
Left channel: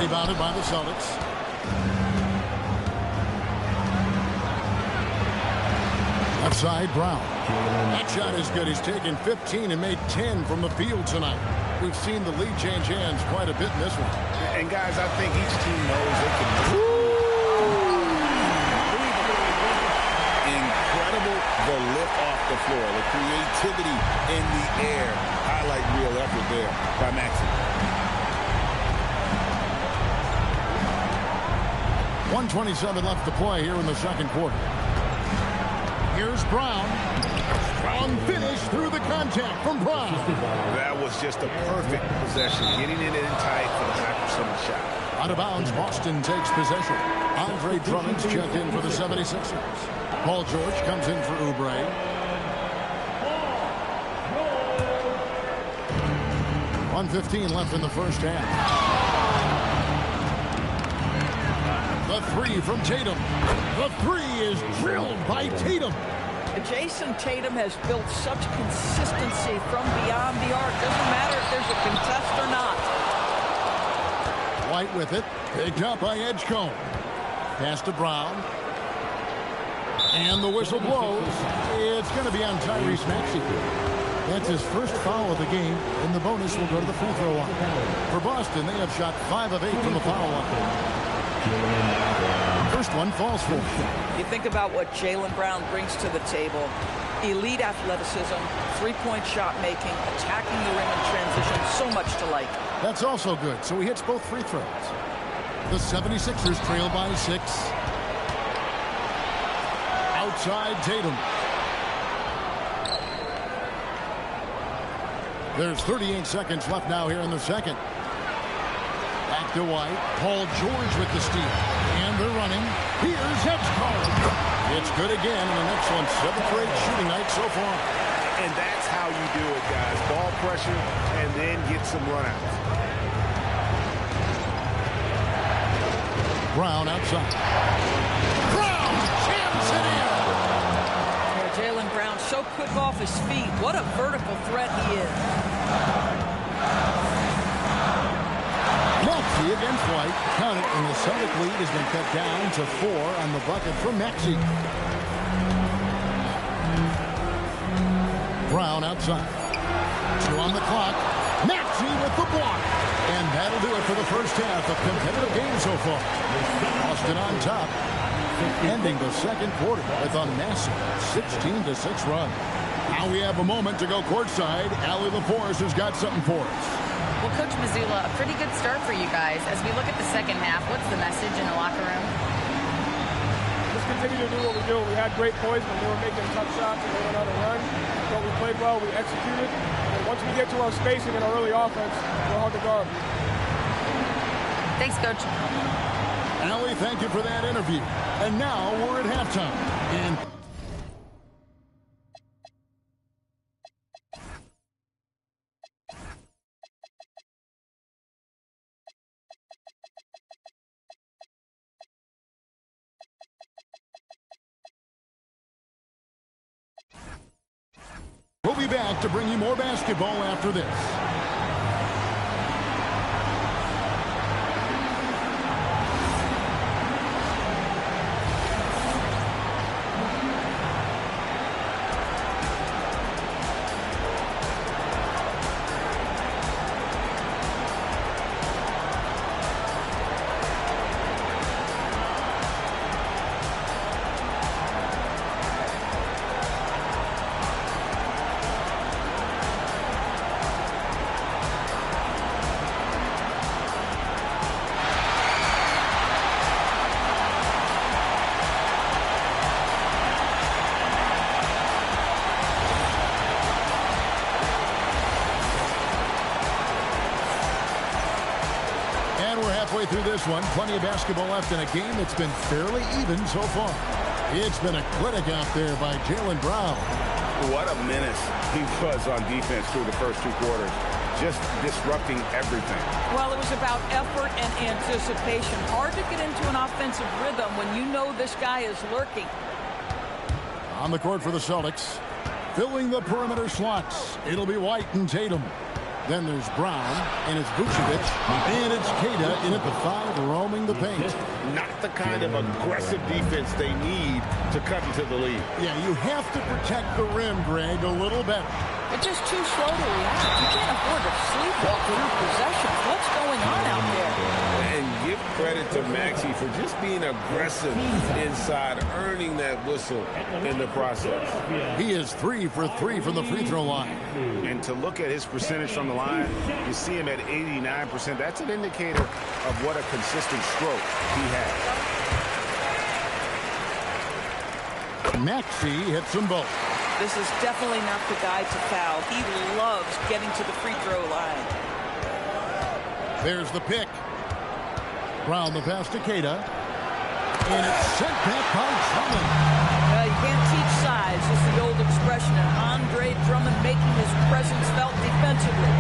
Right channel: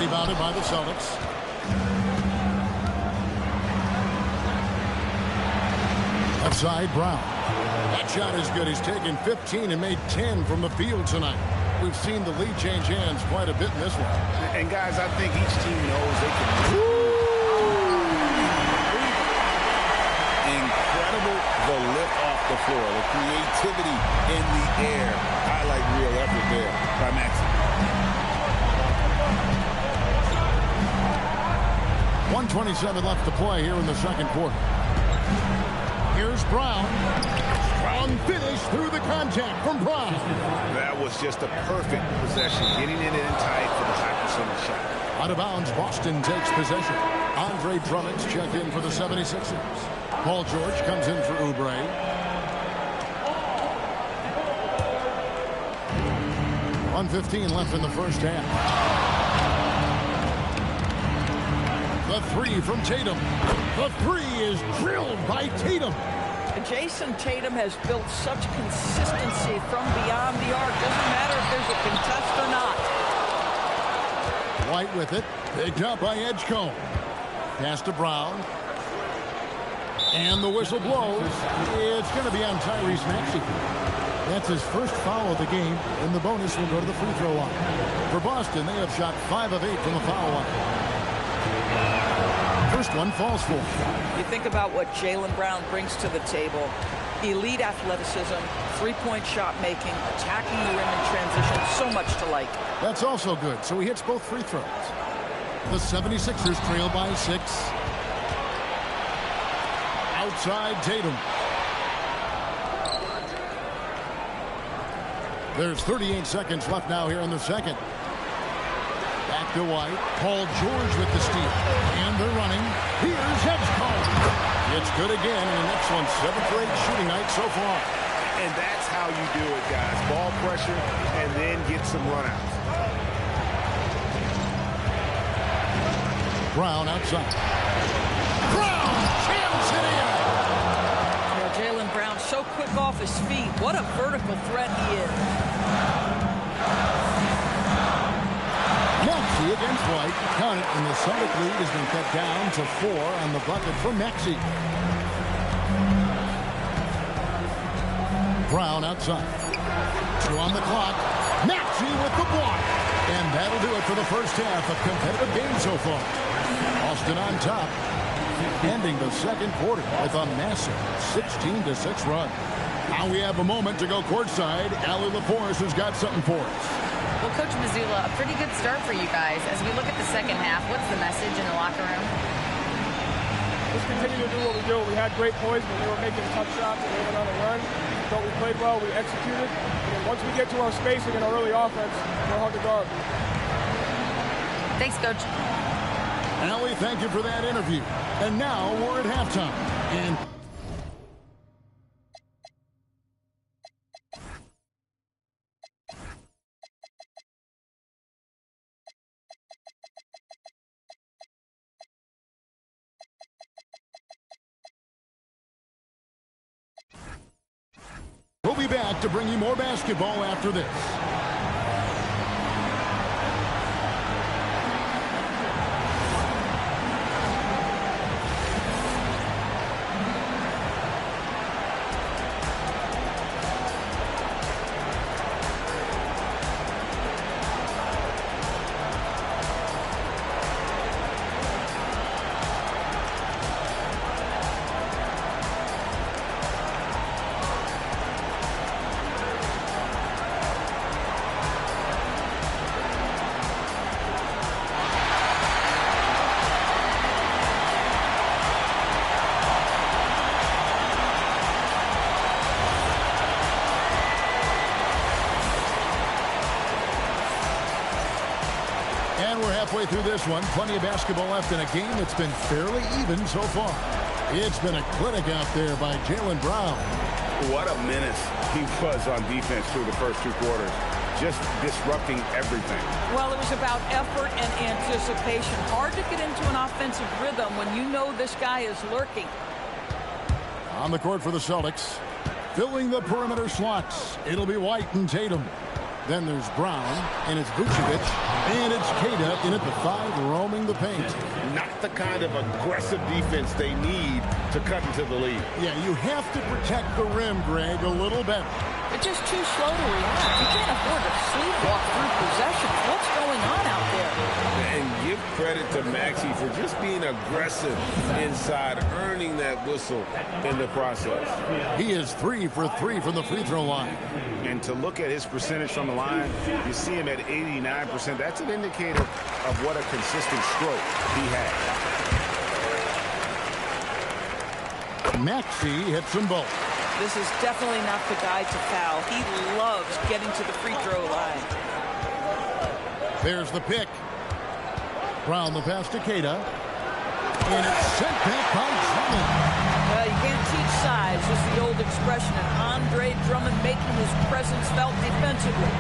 Rebounded by the Celtics. Left side, Brown. That shot is good. He's taken 15 and made 10 from the field tonight. We've seen the lead change hands quite a bit in this one. And, guys, I think each team knows they can... Incredible, the lift off the floor, the creativity in the air. Highlight real effort there by Maxey. 1:27 left to play here in the second quarter. Here's Brown. Strong finish through the contact from Brown. That was just a perfect possession, getting it in tight for the high percentage shot. Out of bounds, Boston takes possession. Andre Drummond's checked in for the 76ers. Paul George comes in for Oubre. .115 left in the first half. The 3 from Tatum. The 3 is drilled by Tatum. Jason Tatum has built such consistency from beyond the arc. Doesn't matter if there's a contest or not. White with it. Picked up by Edgecombe. Pass to Brown. And the whistle blows. It's going to be on Tyrese Maxey. That's his first foul of the game, and the bonus will go to the free throw line. For Boston, they have shot 5 of 8 from the foul line. First one falls for him. You think about what Jaylen Brown brings to the table. Elite athleticism, three-point shot making, attacking the rim in transition, so much to like. That's also good, so he hits both free throws. The 76ers trail by 6. Outside Tatum. There's 38 seconds left now here in the second. Back to White. Paul George with the steal. And they're running. Here's Edgecombe. It's good again, and an excellent 7th rate shooting night so far. And that's how you do it, guys. Ball pressure and then get some runouts. Brown outside. Brown jams it in. Yeah, Jaylen Brown so quick off his feet. What a vertical threat he is. Maxey against White. Count it, and the Celtic lead has been cut down to 4 on the bucket from Maxey. Brown outside. 2 on the clock. Maxey with the block. And that'll do it for the first half of competitive game so far. Boston on top, ending the second quarter with a massive 16-6 run. Now we have a moment to go courtside. Allie LaForce has got something for us. Well, Coach Mazzulla, a pretty good start for you guys. As we look at the second half, what's the message in the locker room? Just continue to do what we do. We had great poise when they were making tough shots and they went on a run. Thought we played well, we executed. And then once we get to our spacing and our early offense, we're hard to guard. Thanks, Coach. Allie, thank you for that interview. And now we're at halftime. And be back to bring you more basketball after this. And we're halfway through this one. Plenty of basketball left in a game that's been fairly even so far. It's been a clinic out there by Jaylen Brown. What a menace he was on defense through the first 2 quarters. Just disrupting everything. Well, it was about effort and anticipation. Hard to get into an offensive rhythm when you know this guy is lurking. On the court for the Celtics. Filling the perimeter slots. It'll be White and Tatum. Then there's Brown, and it's Vucevic, and it's Queta in at the 5, roaming the paint. Not the kind of aggressive defense they need to cut into the lead. Yeah, you have to protect the rim, Greg, a little better. They're just too slow to react. You can't afford to sleepwalk through possessions. What's going on out there? And give credit to Maxey for just being aggressive inside, earning that whistle in the process. He is 3 for 3 from the free throw line. And to look at his percentage from the line, you see him at 89%. That's an indicator of what a consistent stroke he has. Maxey hits them both. This is definitely not the guy to foul. He loves getting to the free throw line. There's the pick. Brown the pass to Queta. And it's sent back by Drummond. You can't teach size, is the old expression. And Andre Drummond making his presence felt defensively.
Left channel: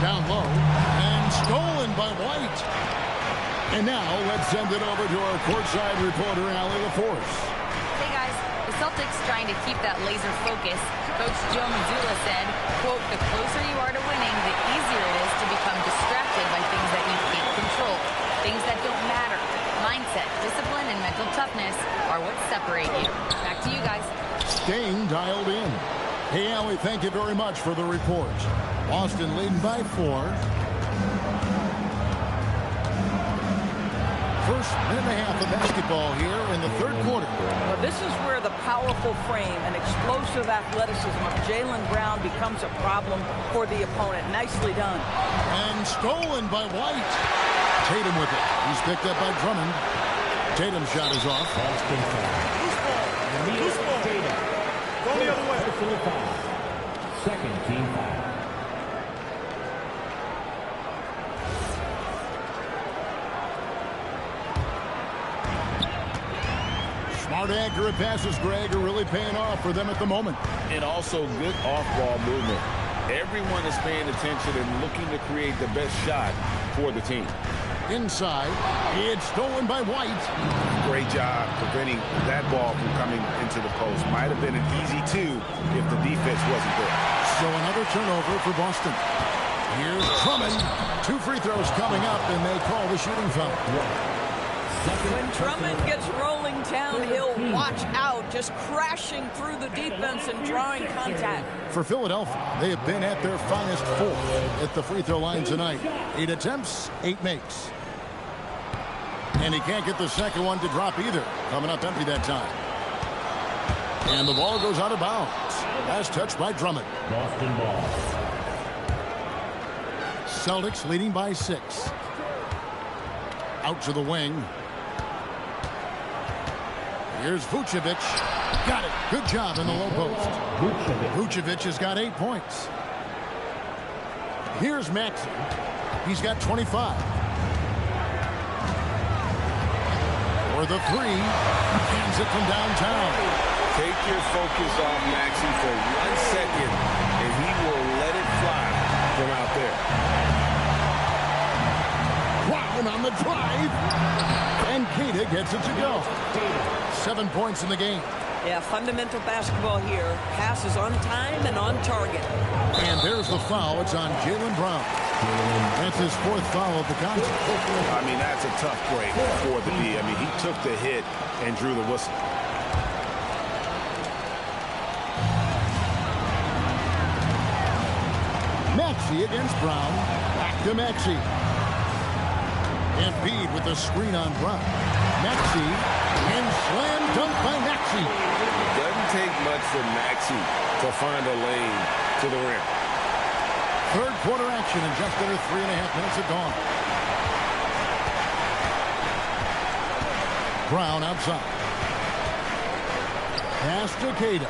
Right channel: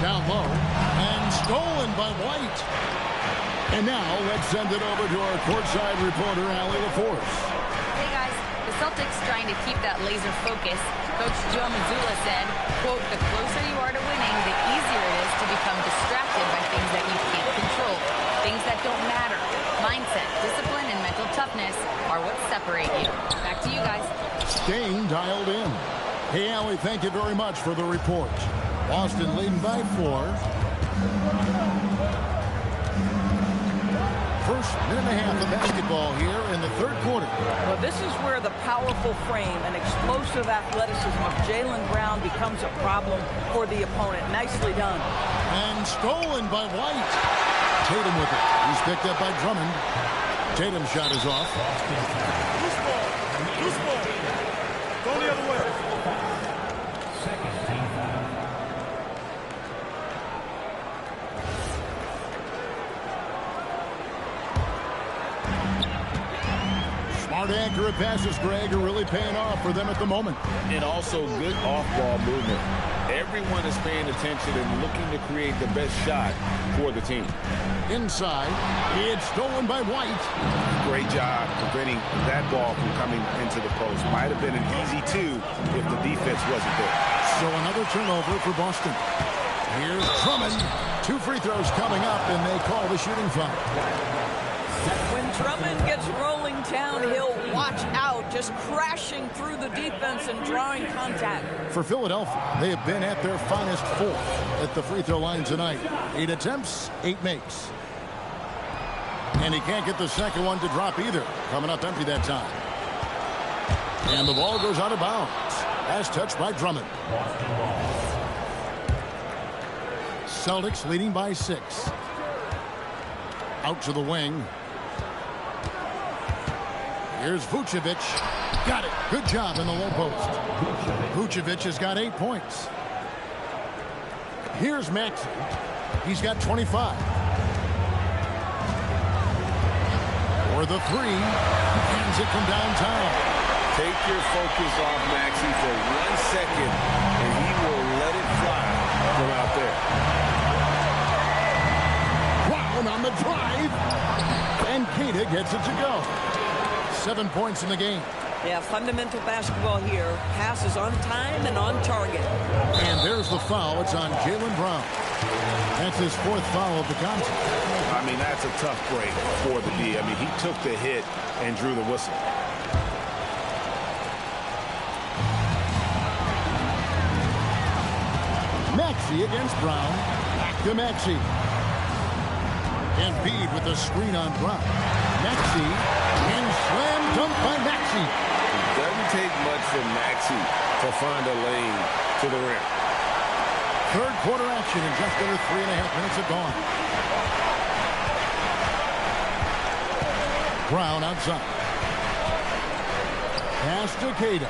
Down low. And stolen by White. And now let's send it over to our courtside reporter, Allie LaForce. Hey guys, the Celtics trying to keep that laser focus. Coach Joe Mazzulla said, quote, the closer you are to winning, the easier it is to become distracted by things that you can't control. Things that don't matter. Mindset, discipline, and mental toughness are what separate you. Back to you guys. Staying dialed in. Hey, Allie, thank you very much for the report. Boston leading by 4. First minute and a half of basketball here in the third quarter. Well, this is where the powerful frame and explosive athleticism of Jaylen Brown becomes a problem for the opponent. Nicely done. And stolen by White. Tatum with it. He's picked up by Drummond. Tatum's shot is off. Loose ball. Loose ball. Go the other way. Second team foul. Smart, accurate passes, Greg, are really paying off for them at the moment. And also good off-ball movement. Everyone is paying attention and looking to create the best shot for the team. Inside, it's stolen by White. Great job preventing that ball from coming into the post. Might have been an easy 2 if the defense wasn't there. So another turnover for Boston. Here's Drummond. 2 free throws coming up, and they call the shooting foul. When Drummond gets rolling downhill, watch out, just crashing through the defense and drawing contact. For Philadelphia, they have been at their finest 4 at the free throw line tonight. 8 attempts, 8 makes. And he can't get the second one to drop either. Coming up empty that time. And the ball goes out of bounds. Last touch by Drummond. Boston ball. Celtics leading by 6. Out to the wing. Here's Vucevic. Got it. Good job in the low post. Vucevic has got 8 points. Here's Maxey. He's got 25. For the 3. Hands it from downtown. Take your focus off Maxey for 1 second, and he will let it fly from out there. Brown on the drive. And Queta gets it to go. 7 points in the game. Yeah, fundamental basketball here. Passes on time and on target. And there's the foul. It's on Jaylen Brown. That's his 4th foul of the contest. I mean, that's a tough break for the D. I mean, he took the hit and drew the whistle. Maxey against Brown. Back to Maxey. Embiid with the screen on Brown. Maxey, and slam dunk by Maxey. Doesn't take much for Maxey to find a lane to the rim. 3rd quarter action in just under 3.5 minutes have gone. Brown outside. Pass to Queta.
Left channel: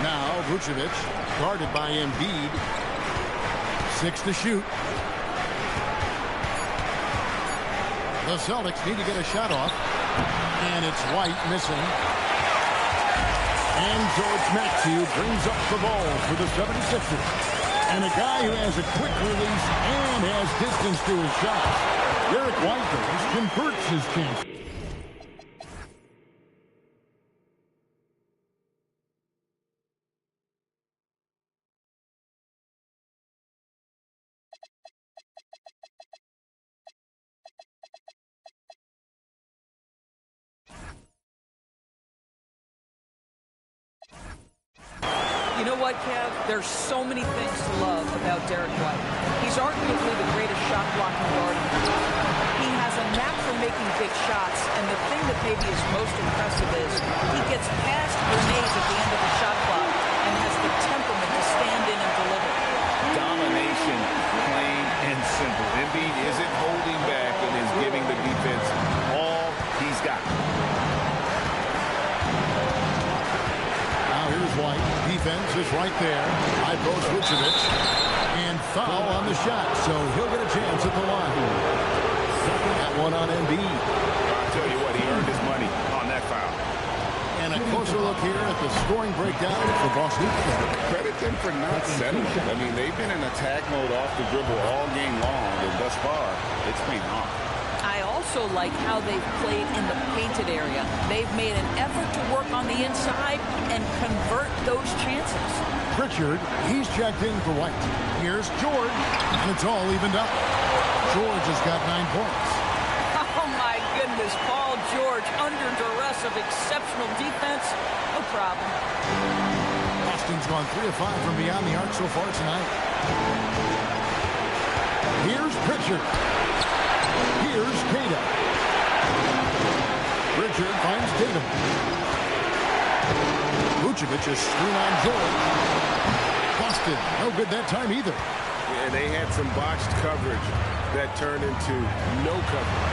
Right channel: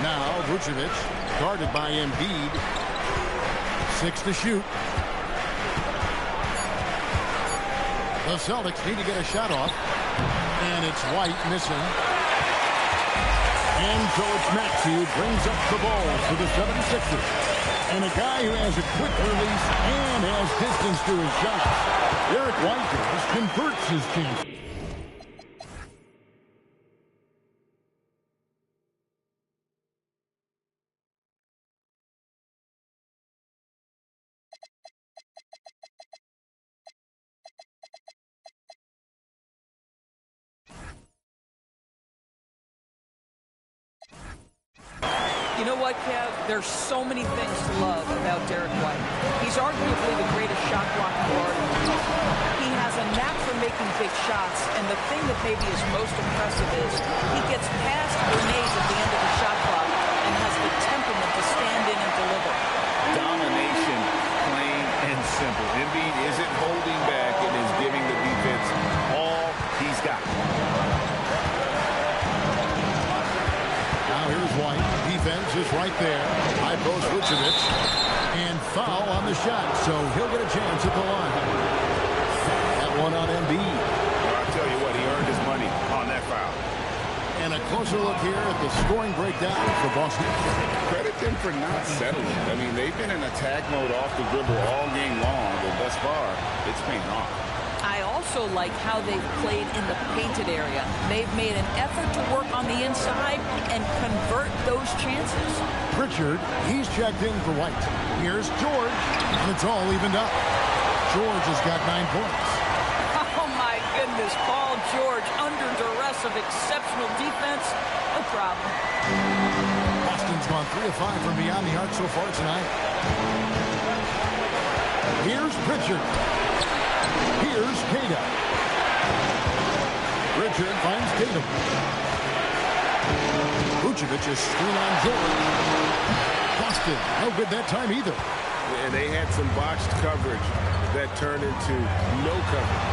Now Vucevic guarded by Embiid. 6 to shoot. The Celtics need to get a shot off. And it's White missing. And so it's Maxey who brings up the ball for the 76ers. And a guy who has a quick release and has distance to his shots. Derek White converts his chance. You know what, Kev? There's so many things to love about Derek White. He's arguably the greatest shot-blocking guard in the league. He has a knack for making big shots, and the thing that maybe is most impressive is he gets past grenades at the end of the shot clock and has the temperament to stand in and deliver. Domination, plain and simple. Embiid isn't holding back and is giving the defense all he's got. Now here's White. Defense is right there. High post Vucevic. And foul on the shot, so he'll get a chance at the line. That one on Embiid. Well, I'll tell you what, he earned his money on that foul. And a closer look here at the scoring breakdown for Boston. Credit them for not settling. I mean, they've been in attack mode off the dribble all game long, and thus far, it's paying off. I also like how they've played in the painted area. They've made an effort to work on the inside and convert those chances. Pritchard, he's checked in for White. Here's George, and it's all evened up. George has got 9 points. Oh, my goodness. Paul George under duress of exceptional defense. No problem. Boston's gone 3 of 5 from beyond the arc so far tonight. Here's Pritchard. Here's Queta. Pritchard finds Tatum. Vucevic is screen on George. Boston, no good that time either. And they had some botched coverage that turned into no coverage.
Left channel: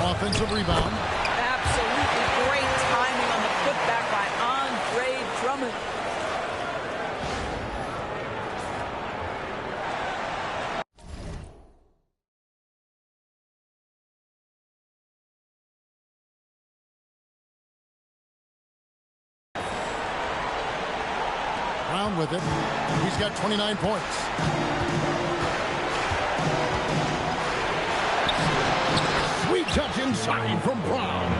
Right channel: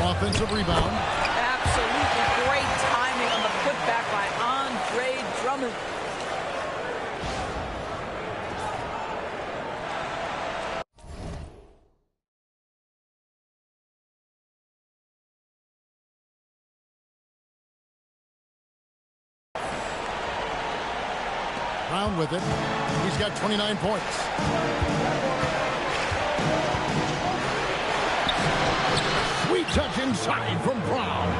Offensive rebound. Absolutely great timing on the putback by Andre Drummond. Brown with it. He's got 29 points. Sweet touch inside from Brown.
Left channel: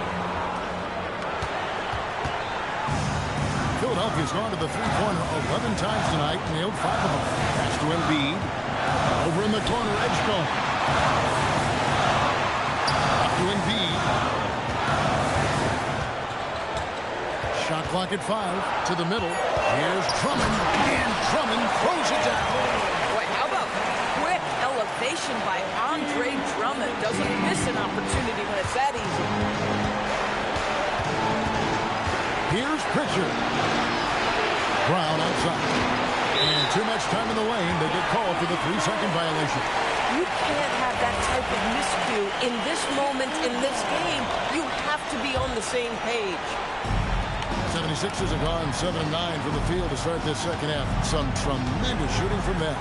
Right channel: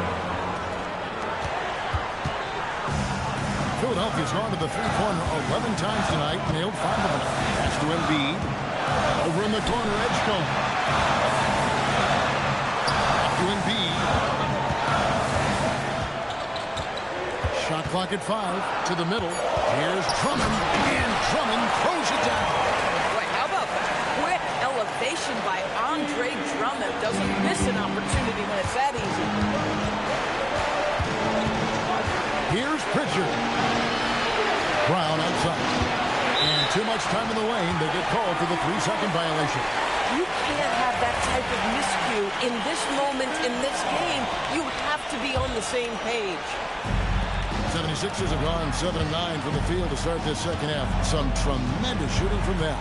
Philadelphia's gone to the three-pointer 11 times tonight, nailed 5 of them. Pass to Embiid. Over in the corner, Edgecombe. Up to Embiid. Shot clock at 5. To the middle. Here's Drummond. And Drummond throws it down. Boy, how about quick elevation by Andre Drummond? Doesn't miss an opportunity when it's that easy. Here's Pritchard. Brown outside. And too much time in the lane. They get called for the 3-second violation. You can't have that type of miscue in this moment, in this game. You have to be on the same page. 76ers have gone 7-9 from the field to start this second half. Some tremendous shooting from them.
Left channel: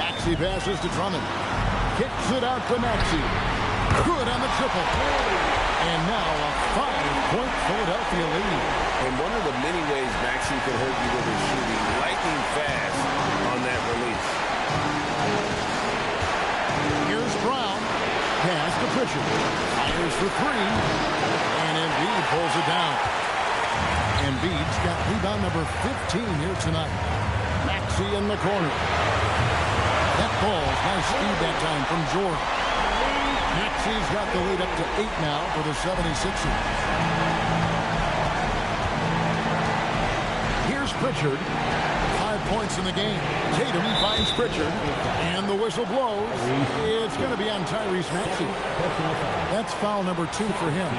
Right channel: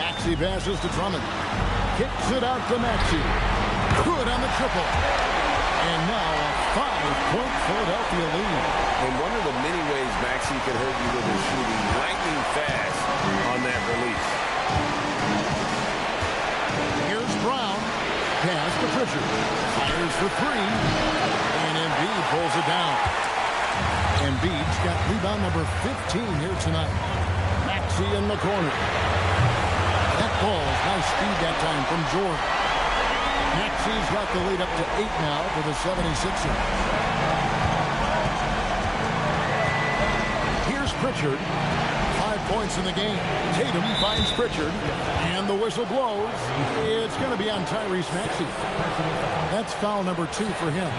Maxey passes to Drummond. Kicks it out to Maxey. Good on the triple. And now a 5-point Philadelphia lead. And one of the many ways Maxey can hurt you with his shooting, lightning fast on that release. Here's Brown. Pass to Pritchard. Fires for 3. And Embiid pulls it down. Embiid's got rebound number 15 here tonight. Maxey in the corner. That ball's nice speed that time from Jordan. Maxey's got the lead up to 8 now for the 76ers. Here's Pritchard. 5 points in the game. Tatum finds Pritchard, and the whistle blows. It's going to be on Tyrese Maxey. That's foul number 2 for him.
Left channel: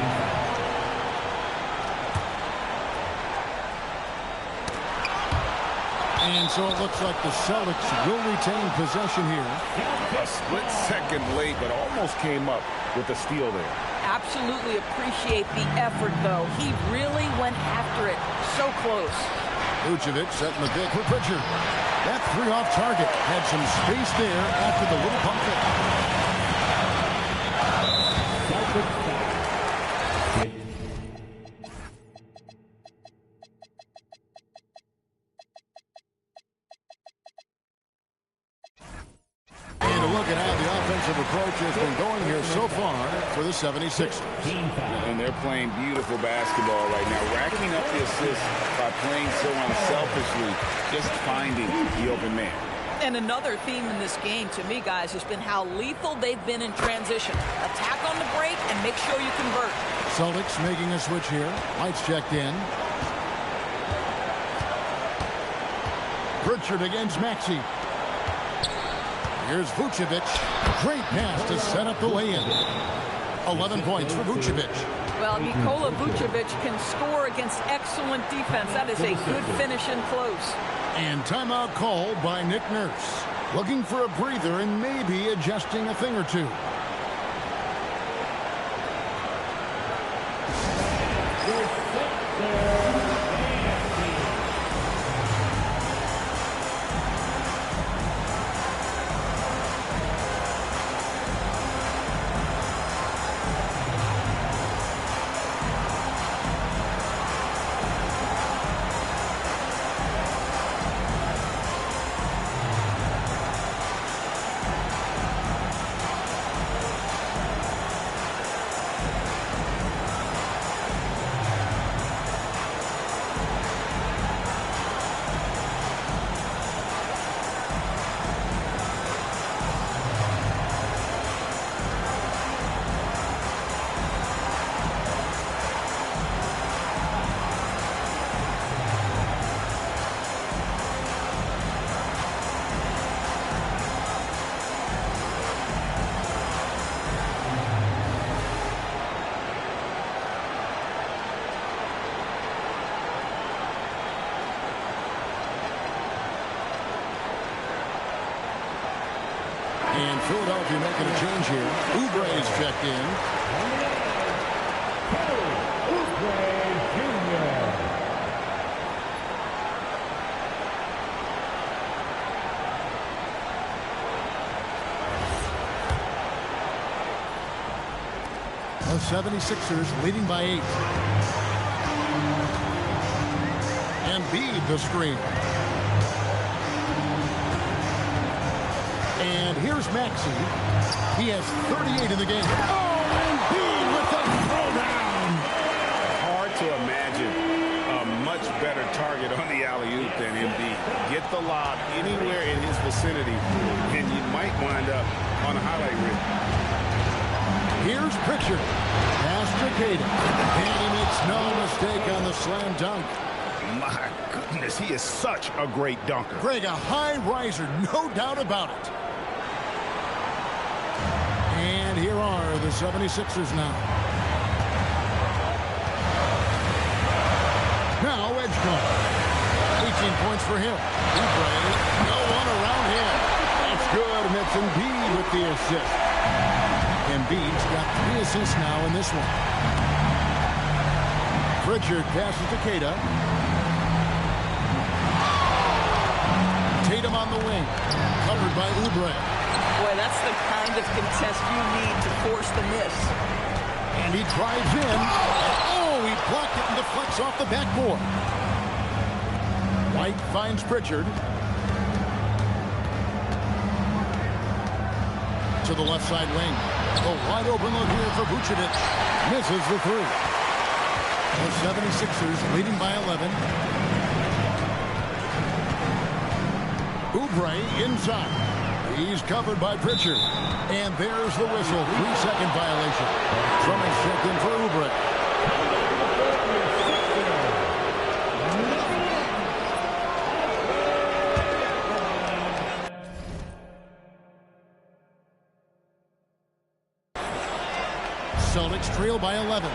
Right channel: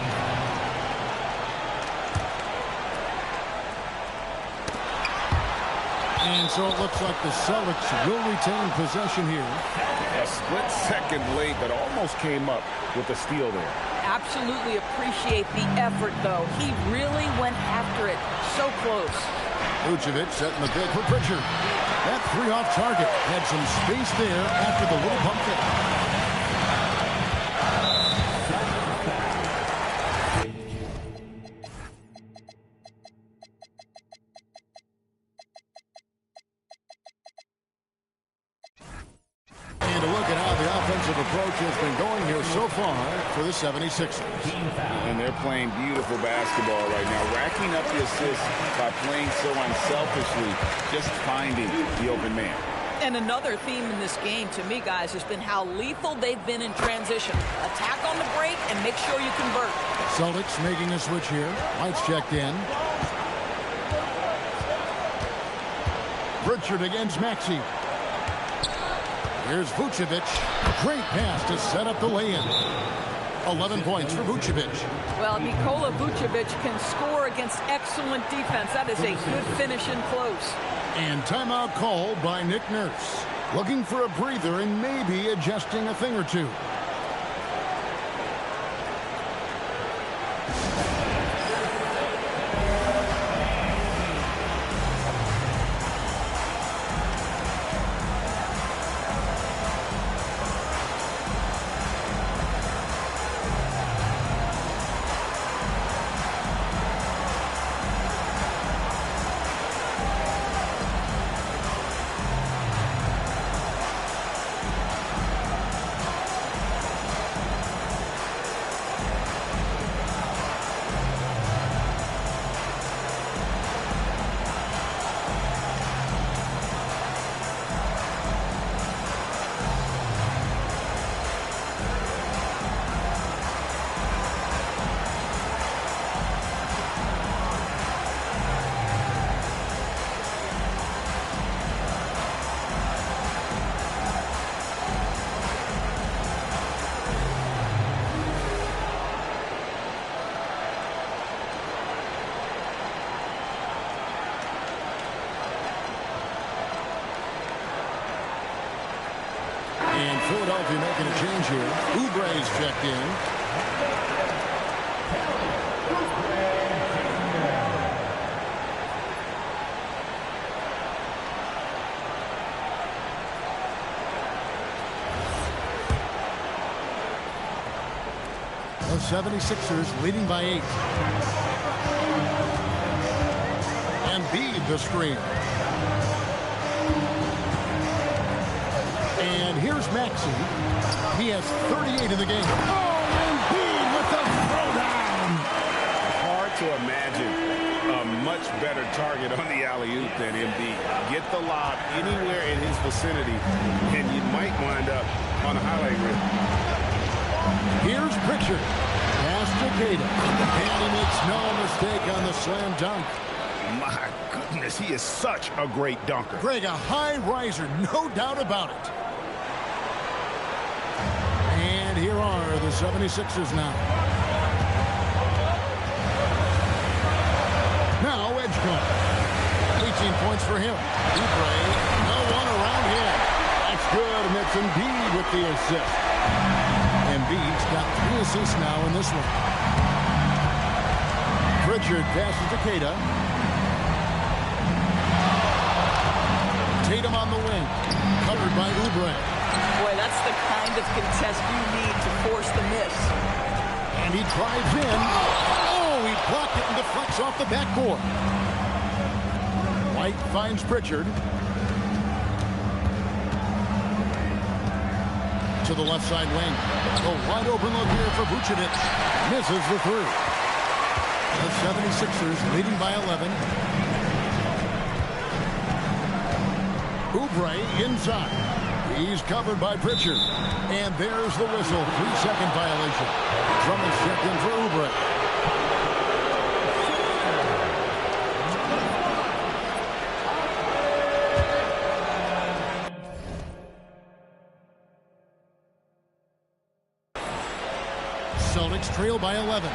And so it looks like the Celtics will retain possession here. A split second late, but almost came up with a steal there. Absolutely appreciate the effort, though. He really went after it. So close. Vucevic setting the pick for Pritchard. That 3 off target had some space there after the little pump fake. And a look at how the offensive approach has been going here so far for the 76ers. And they're playing beautiful basketball right now, racking up the assists by playing so unselfishly, just finding the open man. And another theme in this game, to me, guys, has been how lethal they've been in transition. Attack on the break and make sure you convert. Celtics making a switch here. Lights checked in. Pritchard against Maxey. Here's Vucevic. Great pass to set up the lay-in. 11 points for Vucevic. Well, Nikola Vucevic can score against excellent defense. That is a good finish in close. And timeout called by Nick Nurse. Looking for a breather and maybe adjusting a thing or two. And Philadelphia making a change here. Oubre's checked in. The 76ers leading by 8. Embiid the screen. And here's Maxey. He has 38 in the game. Oh, Embiid with the throwdown. Hard to imagine a much better target on the alley-oop than Embiid. Get the lob anywhere in his vicinity, and you might wind up on a highlight reel. Here's Pritchard. Pass to Queta. And he makes no mistake on the slam dunk. My goodness, he is such a great dunker. Greg, a high riser, no doubt about it. And here are the 76ers now. Now Edgecombe. 18 points for him. Oubre, no one around him. That's good, and it's Embiid with the assist. Embiid's got 3 assists now in this one. Pritchard passes to Queta. Tatum on the wing. Covered by Oubre. Boy, that's the kind of contest you need to force the miss. And he drives in. Oh, he blocked it and deflects off the backboard. White finds Pritchard. To the left side wing. A wide open look here for Vucevic. Misses the 3. The 76ers leading by 11. Oubre inside. He's covered by Pritchard. And there's the whistle. 3-second violation. Drummond's checked in for Oubre. Celtics trail by 11.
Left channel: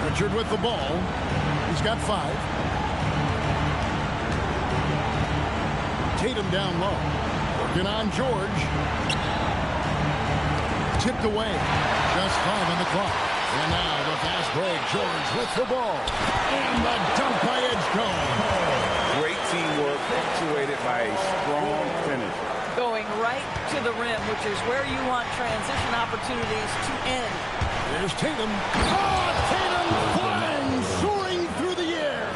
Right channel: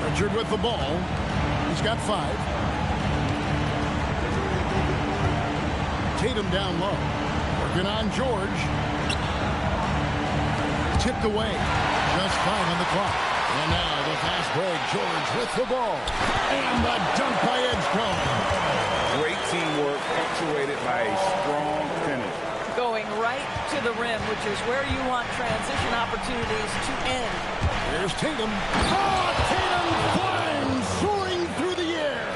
Pritchard with the ball. He's got 5. Tatum down low. Working on George. Tipped away. Just 5 on the clock. And now the fast break. George with the ball. And the dunk by Edgecombe. Great teamwork punctuated by a strong finish. Going right to the rim, which is where you want transition opportunities to end. Here's Tatum. Oh, Tatum flying, soaring through the air.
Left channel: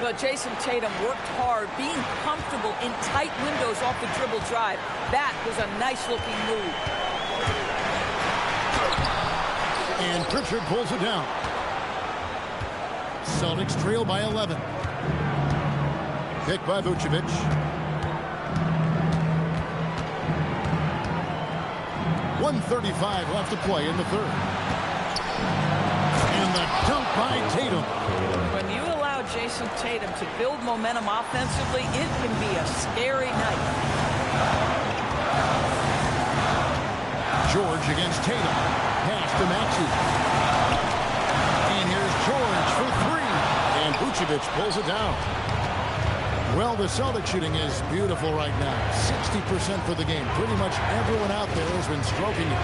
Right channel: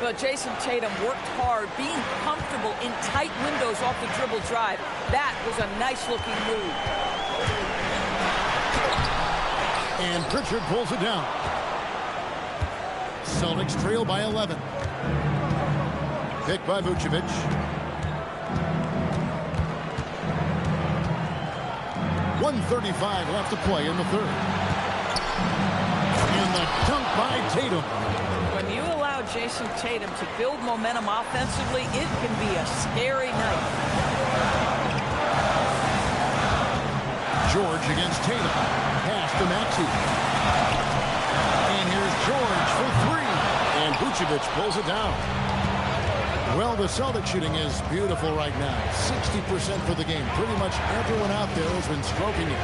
But Jason Tatum worked hard, being comfortable in tight windows off the dribble drive. That was a nice-looking move. And Pritchard pulls it down. Celtics trail by 11. Picked by Vucevic. .135 left to play in the third. And the dunk by Tatum. When you allow Jason Tatum to build momentum offensively, it can be a scary night. George against Tatum. Pass to Maxey. And here's George for 3. And Vucevic pulls it down. Well, the Celtics shooting is beautiful right now. 60% for the game. Pretty much everyone out there has been stroking it.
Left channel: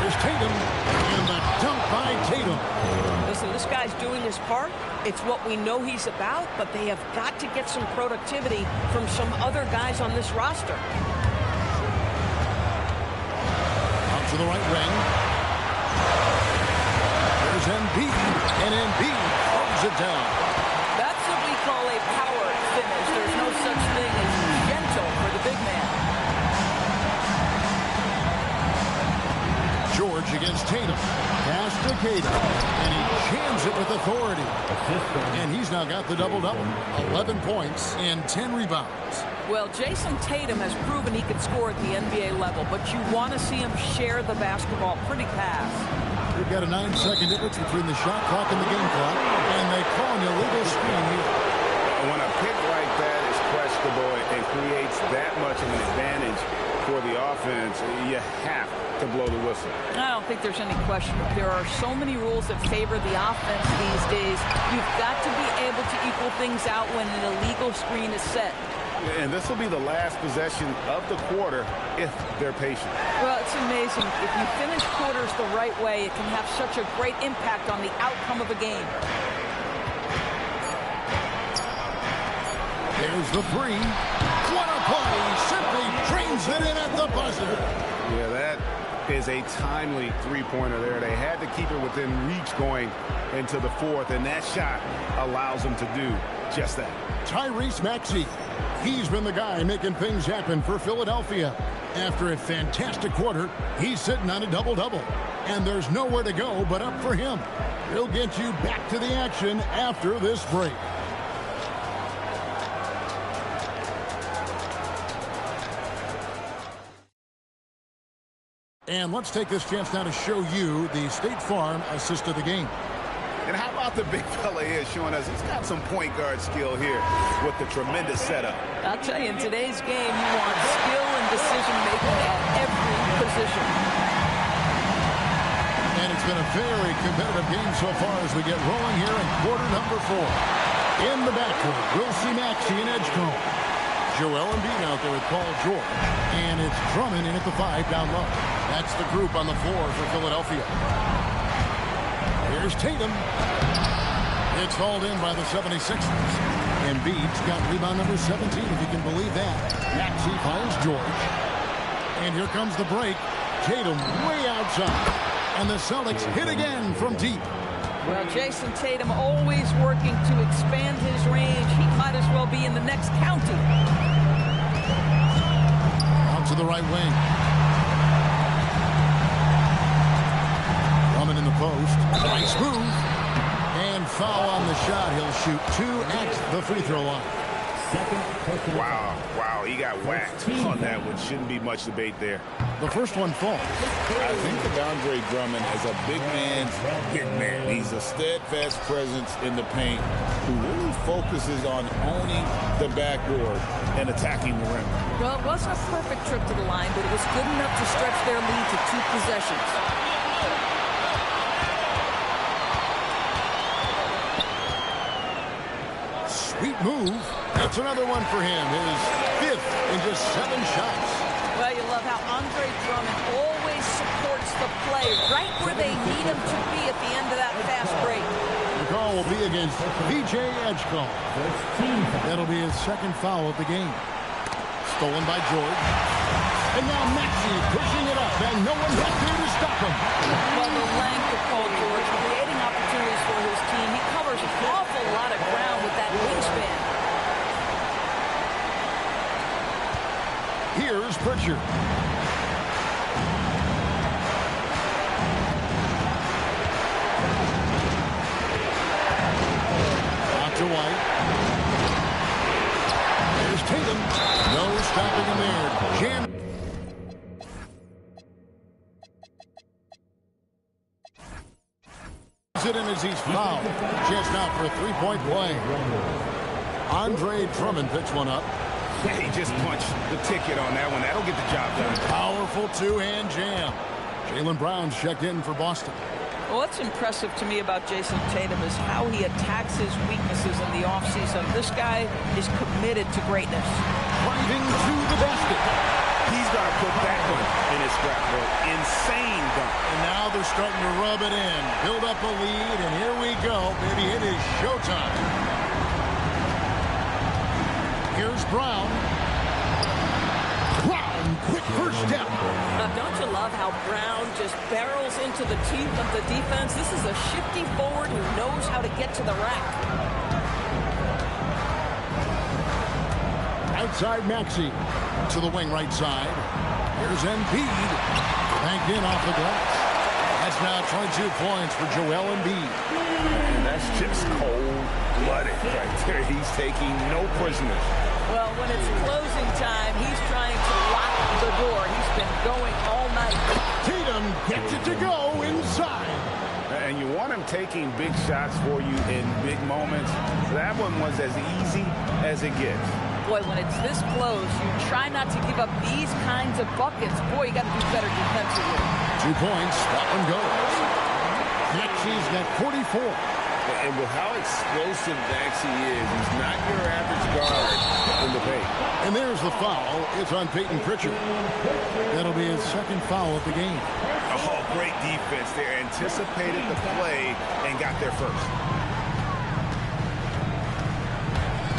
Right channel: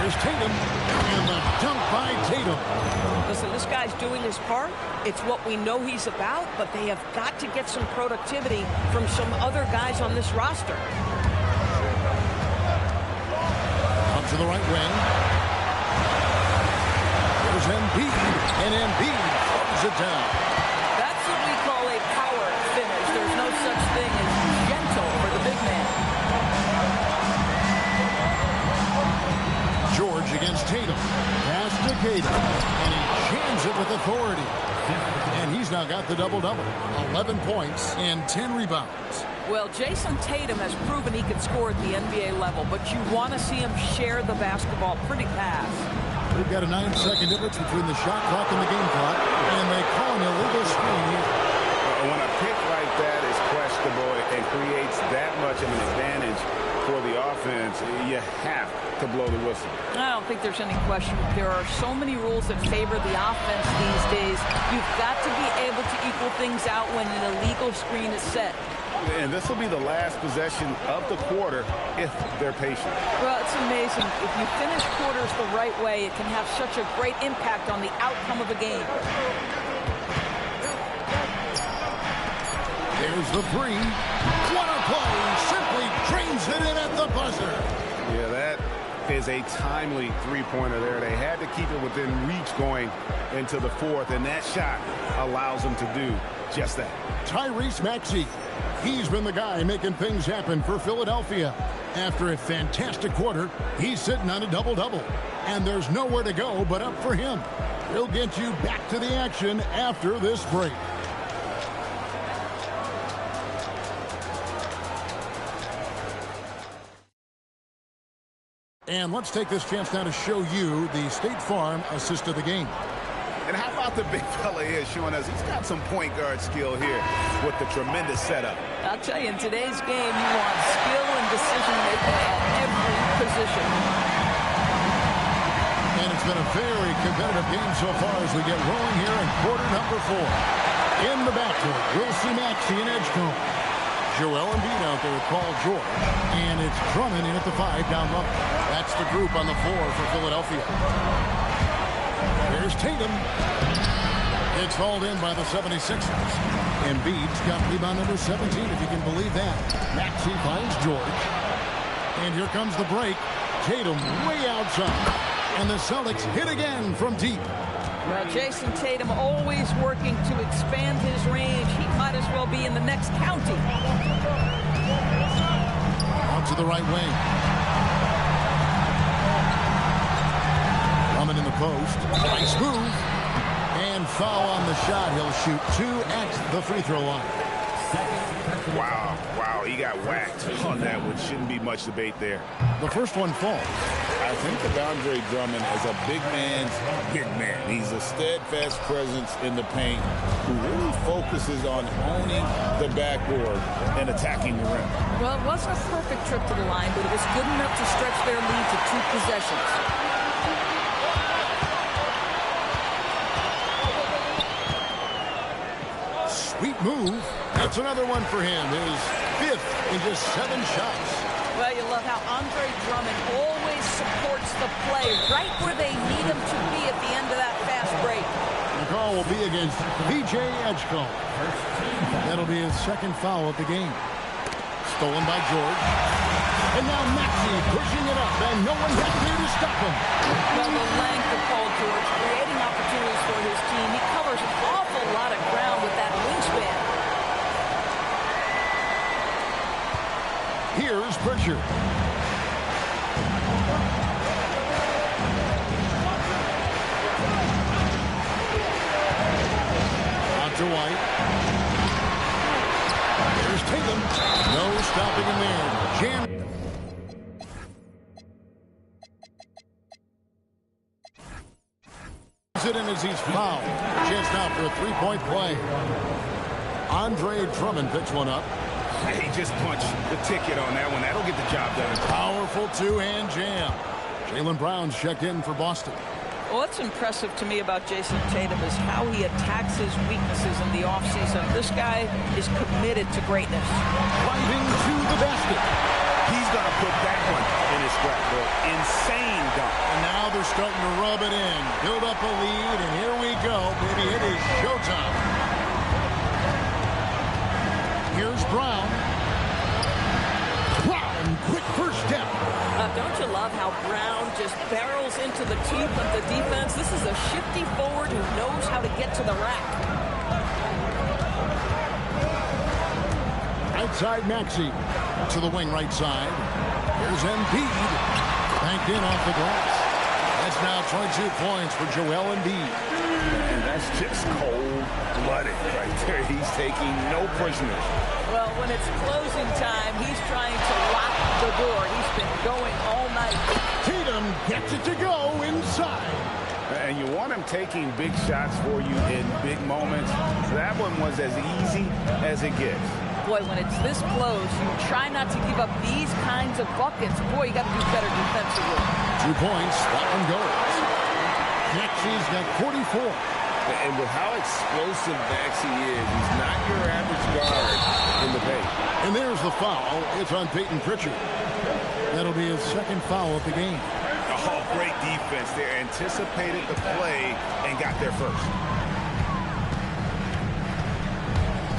Here's Tatum. And the dunk by Tatum. Listen, this guy's doing his part. It's what we know he's about, but they have got to get some productivity from some other guys on this roster. Out to the right wing. Here's Embiid. And Embiid throws it down. That's what we call a power finish. There's no such thing as gentle for the big man. George against Tatum. Pass to Tatum. And he jams it with authority. And he's now got the double-double. 11 points and 10 rebounds. Well, Jason Tatum has proven he can score at the NBA level, but you want to see him share the basketball. Pretty pass. We've got a 9-second difference between the shot clock and the game clock, and they call an illegal screen here. When a pick like that is questionable and creates that much of an advantage for the offense, you have to blow the whistle. I don't think there's any question. There are so many rules that favor the offense these days. You've got to be able to equal things out when an illegal screen is set. And this will be the last possession of the quarter if they're patient. Well, it's amazing. If you finish quarters the right way, it can have such a great impact on the outcome of a game. There's the 3. What a play. Simply drains it in at the buzzer. Yeah, that is a timely three-pointer there. They had to keep it within reach going into the fourth, and that shot allows them to do just that. Tyrese Maxey. He's been the guy making things happen for Philadelphia. After a fantastic quarter, he's sitting on a double-double. And there's nowhere to go but up for him. He'll get you back to the action after this break. And let's take this chance now to show you the State Farm assist of the game. And how about the big fella here showing us he's got some point guard skill here with the tremendous setup. I'll tell you, in today's game, you want skill and decision-making at every position. And it's been a very competitive game so far as we get rolling here in quarter number 4. In the backcourt, we'll see Maxey and Edgecombe. Joel Embiid out there with Paul George. And it's Drummond in at the 5 down low. That's the group on the floor for Philadelphia. Here's Tatum. It's hauled in by the 76ers. Embiid's got rebound number 17, if you can believe that. Maxey finds George. And here comes the break. Tatum way outside. And the Celtics hit again from deep. Well, Jason Tatum always working to expand his range. He might as well be in the next county. Out to the right wing. Drummond in the post. Nice move. And foul on the shot. He'll shoot 2 at the free throw line. Wow, he got whacked on that one. Shouldn't be much debate there. The first one falls. I think of Andre Drummond as a big man's big man. He's a steadfast presence in the paint who really focuses on owning the backboard and attacking the rim. Well, it wasn't a perfect trip to the line, but it was good enough to stretch their lead to 2 possessions. Sweet move. That's another one for him. His 5th in just 7 shots. Well, you love how Andre Drummond always supports the play right where they need him to be at the end of that fast break. The call will be against VJ Edgecombe. That'll be his 2nd foul of the game. Stolen by George. And now Maxey pushing it up, and no one got there to stop him. Well, the length of Paul George, creating opportunities for his team. He covers an awful lot of ground with that wingspan. Here's Pritchard. Out to White. There's Tatum. No stopping him there. Jam. It in as he's fouled. Chance now for a 3-point play. Andre Drummond picks one up. He just punched the ticket on that one. That'll get the job done. Powerful 2-hand jam. Jaylen Brown's checked in for Boston. Well, what's impressive to me about Jason Tatum is how he attacks his weaknesses in the offseason. This guy is committed to greatness. Driving to the basket. He's going to put that one in his scrapbook. Insane dunk. And now they're starting to rub it in. Build up a lead, and here we go, baby. It is showtime. Here's Brown. Brown, quick first step. Don't you love how Brown just barrels into the teeth of the defense? This is a shifty forward who knows how to get to the rack. Outside Maxey. To the wing right side. Here's Embiid. Banked in off the glass. That's now 22 points for Joel Embiid. And that's just cold-blooded right there. He's taking no prisoners. Well, when it's closing time, he's trying to lock the door. He's been going all night. Tatum gets it to go inside. And you want him taking big shots for you in big moments. That one was as easy as it gets. Boy, when it's this close, you try not to give up these kinds of buckets. Boy, you got to do better defensively. 2 points. That one goes. Maxey's got 44. And with how explosive Maxey is, he's not your average guard in the paint. And there's the foul. It's on Peyton Pritchard. That'll be his 2nd foul of the game. Oh, great defense there. Anticipated the play and got there first.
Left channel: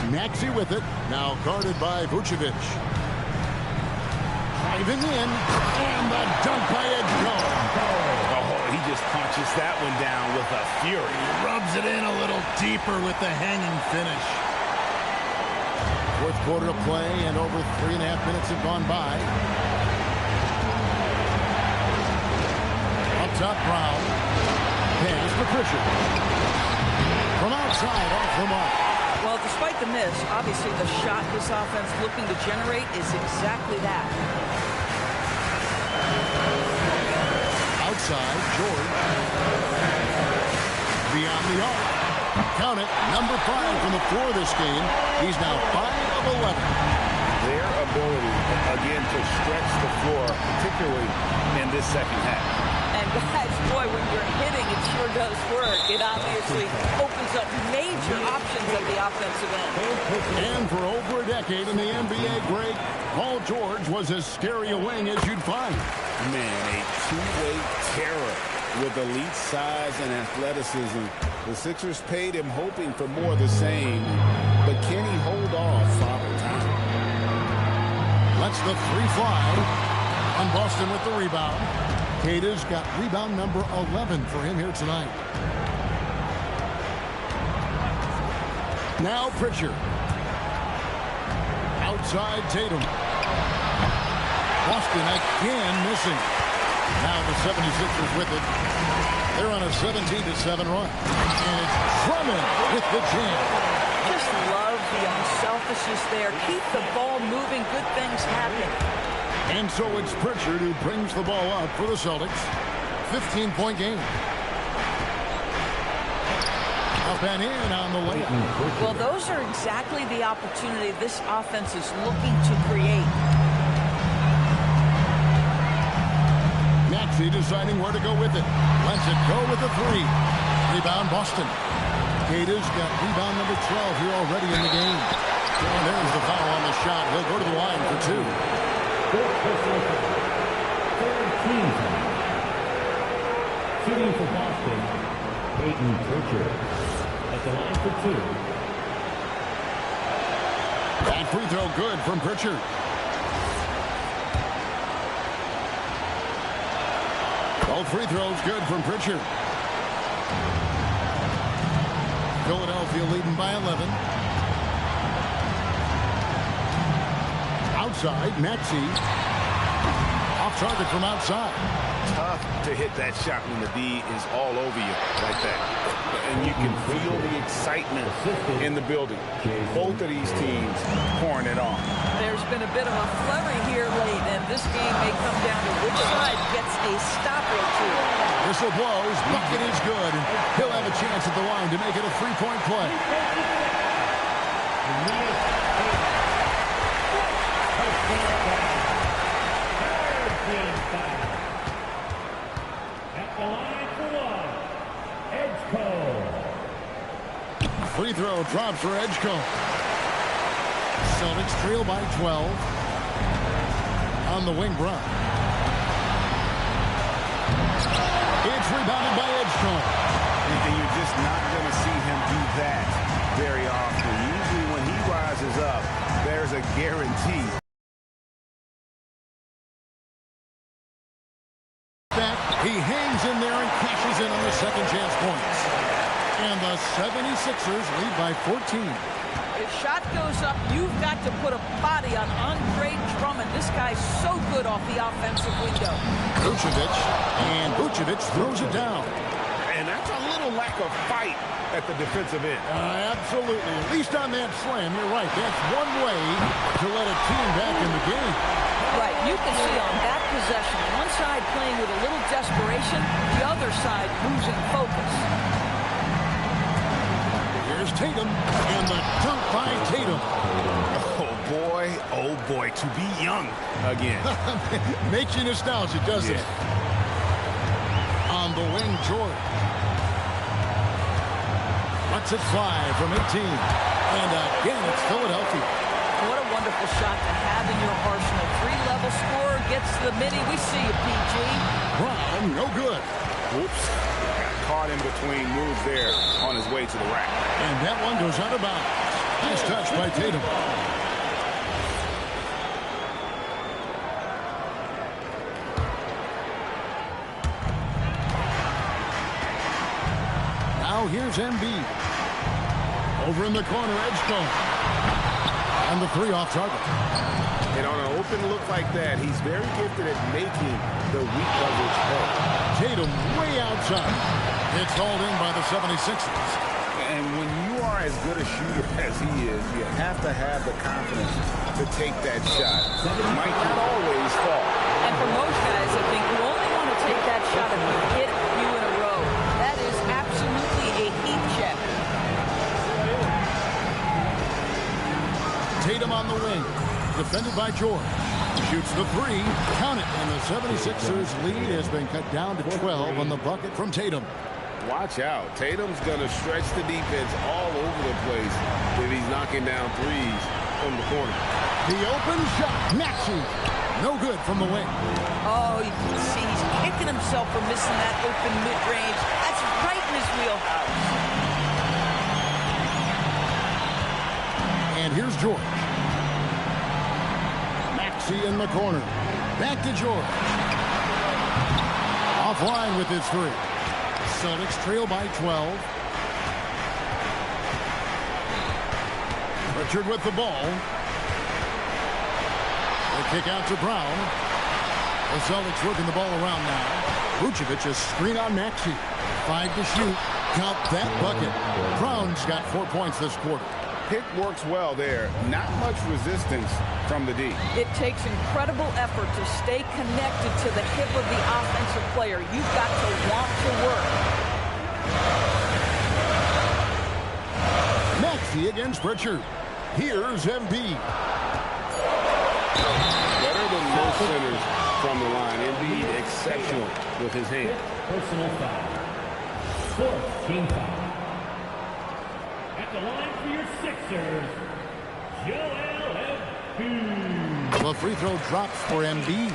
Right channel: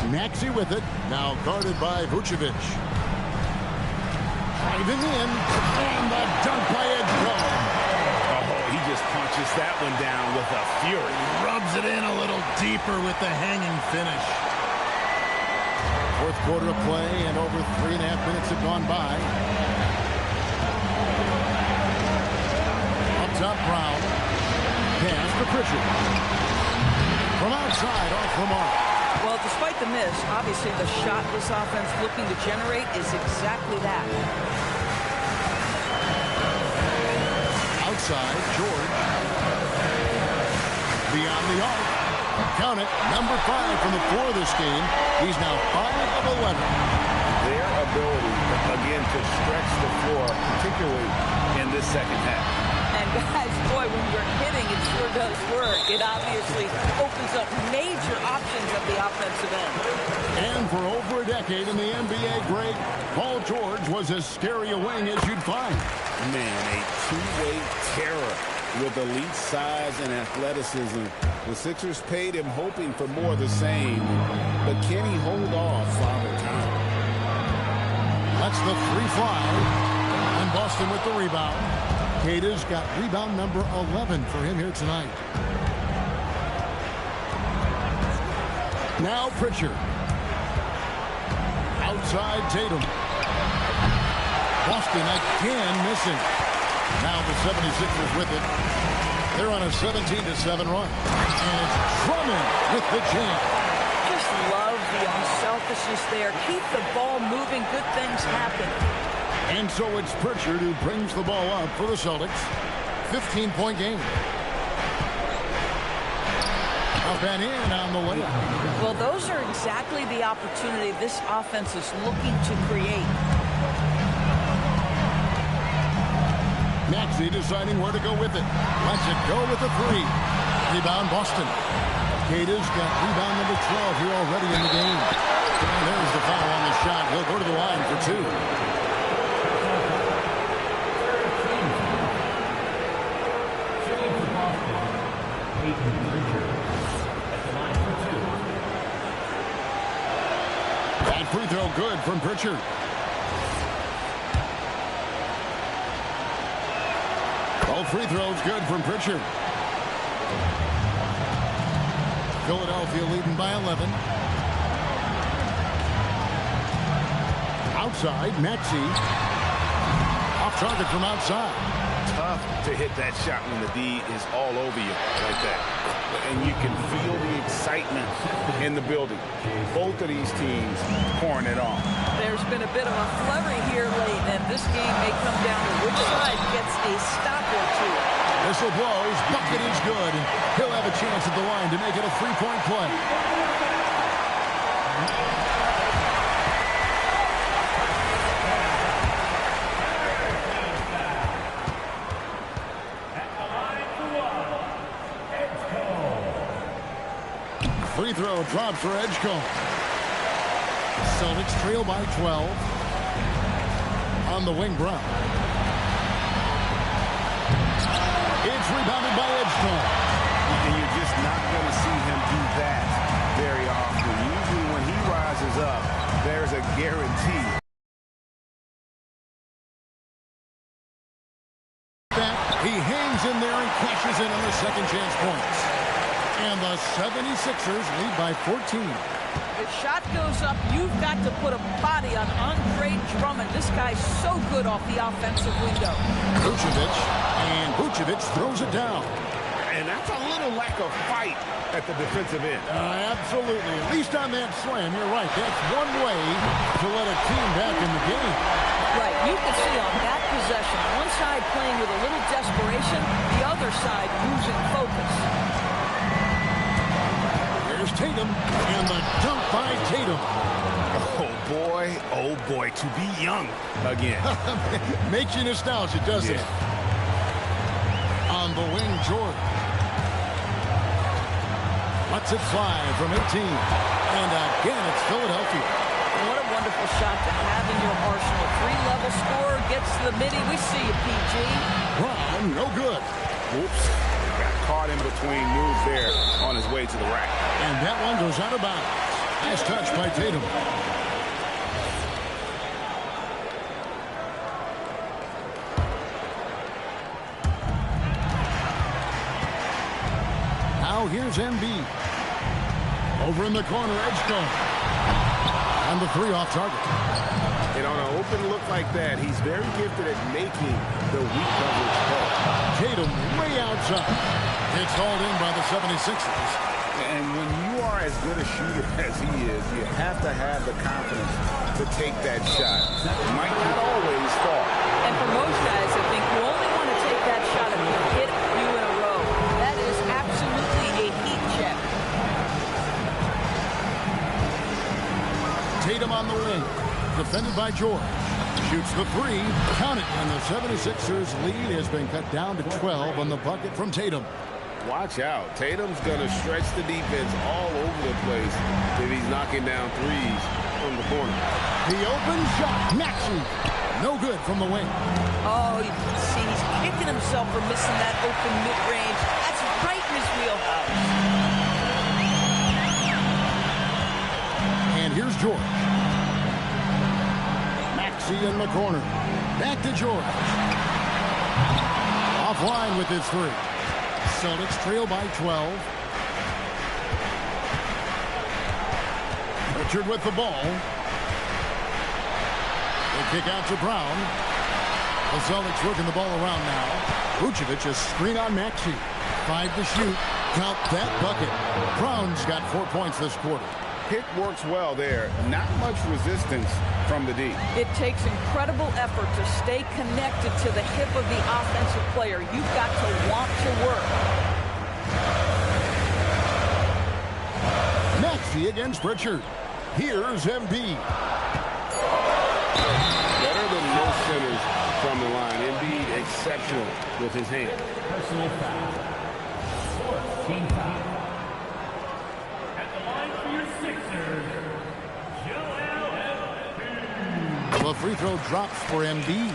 Maxey with it. Now guarded by Vucevic. Driving in. And the dunk by Edgecombe. Oh, he just punches that one down with a fury. He rubs it in a little deeper with the hanging finish. 4th quarter of play, and over 3.5 minutes have gone by. Up top, Brown. Pass to Pritchard. From outside, off the mark. Well, despite the miss, obviously the shot this offense looking to generate is exactly that. Outside, George. Beyond the arc. Count it, number 5 from the floor this game. He's now 5 of 11. Their ability, again, to stretch the floor, particularly in this second half. And guys, boy, when you're hitting, it sure does work. It obviously opens up major options at the offensive end. And for over a decade in the NBA, Greg, Paul George was as scary a wing as you'd find. Man, a two-way terror with elite size and athleticism. The Sixers paid him hoping for more of the same, but can he hold off Father Time? Lets the 3 fly, and Boston with the rebound. Queta's got rebound number 11 for him here tonight. Now Pritchard. Outside Tatum. Boston again missing. Now the 76ers with it. They're on a 17-7 run. And it's Drummond with the jam. Just love the unselfishness there. Keep the ball moving. Good things happen. And so it's Pritchard who brings the ball up for the Celtics. 15-point game. Up and in on the layup. Well, those are exactly the opportunity this offense is looking to create. Maxey deciding where to go with it. Lets it go with the three. Rebound Boston. Cata's got rebound number 12 here already in the game. And there's the foul on the shot. He'll go to the line for two. Shooting for Boston, Peyton Pritchard. At the line for two. That free throw good from Pritchard. Both free throws good from Pritchard. Philadelphia leading by 11. Outside, Maxey. Off target from outside. Tough to hit that shot when the D is all over you like that. And you can feel the excitement in the building. Both of these teams pouring it on. There's been a bit of a flurry here late, and this game may come down to which side gets a stop or two. Whistle blows. Bucket is good. And he'll have a chance at the line to make it a three-point play. Free throw drops for Edgecombe. Celtics trail by 12. On the wing, Brown. It's rebounded by Edgecombe. And you're just not going to see him do that very often. Usually when he rises up, there's a guarantee. Back, he hangs in there and cashes in on the second chance points. And the 76ers lead by 14. The shot goes up. You've got to put a body on Andre Drummond. This guy's so good off the offensive window. Vucevic, and Vucevic throws it down. And that's a little lack of fight at the defensive end. Absolutely. At least on that slam, you're right. That's one way to let a team back in the game. Right. You can see on that possession, one side playing with a little desperation, the other side losing focus. Here's Tatum, and the dunk by Tatum. Oh boy, to be young again. Makes you nostalgic, doesn't it? On the wing, George. Lets it fly from 18. And again, it's Philadelphia. What a wonderful shot to have in your arsenal. Three-level scorer gets to the midi. We see you, PG. Brown, no good. Whoops. Got caught in between moves there on his way to the rack. And that one goes out of bounds. Nice touch by Tatum. Now here's Embiid. Over in the corner, Edgecombe. And the three off target. And on an open look like that, he's very gifted at making the weak coverage pay. Tatum way outside. It's hauled in by the 76ers. And when you are as good a shooter as he is, you have to have the confidence to take that shot. It might not always fall. And for most guys, I think you only want to take that shot if you hit a few in a row. That is absolutely a heat check. Tatum on the wing. Defended by George. Shoots the three. Count it. And the 76ers lead has been cut down to 12 on the bucket from Tatum. Watch out. Tatum's going to stretch the defense all over the place if he's knocking down threes from the corner. The open shot. Maxey. No good from the wing. Oh, you can see he's kicking himself for missing that open mid-range. That's right in his wheelhouse. And here's George. Maxey in the corner. Back to George. Offline with his three. Celtics trail by 12. Pritchard with the ball. They kick out to Brown. The Celtics working the ball around now. Vucevic a screen on Maxey. 5 to shoot. Count that bucket. Brown's got 4 points this quarter. Pick works well there. Not much resistance from the D. It takes incredible effort to stay connected to the hip of the offensive player. You've got to want to work. Maxey against Pritchard. Here's Embiid. Better than most centers from the line. Embiid exceptional with his hand. Personal foul. Fourth team foul. At the line for your Sixers, Joel Embiid. The free throw drops for Embiid.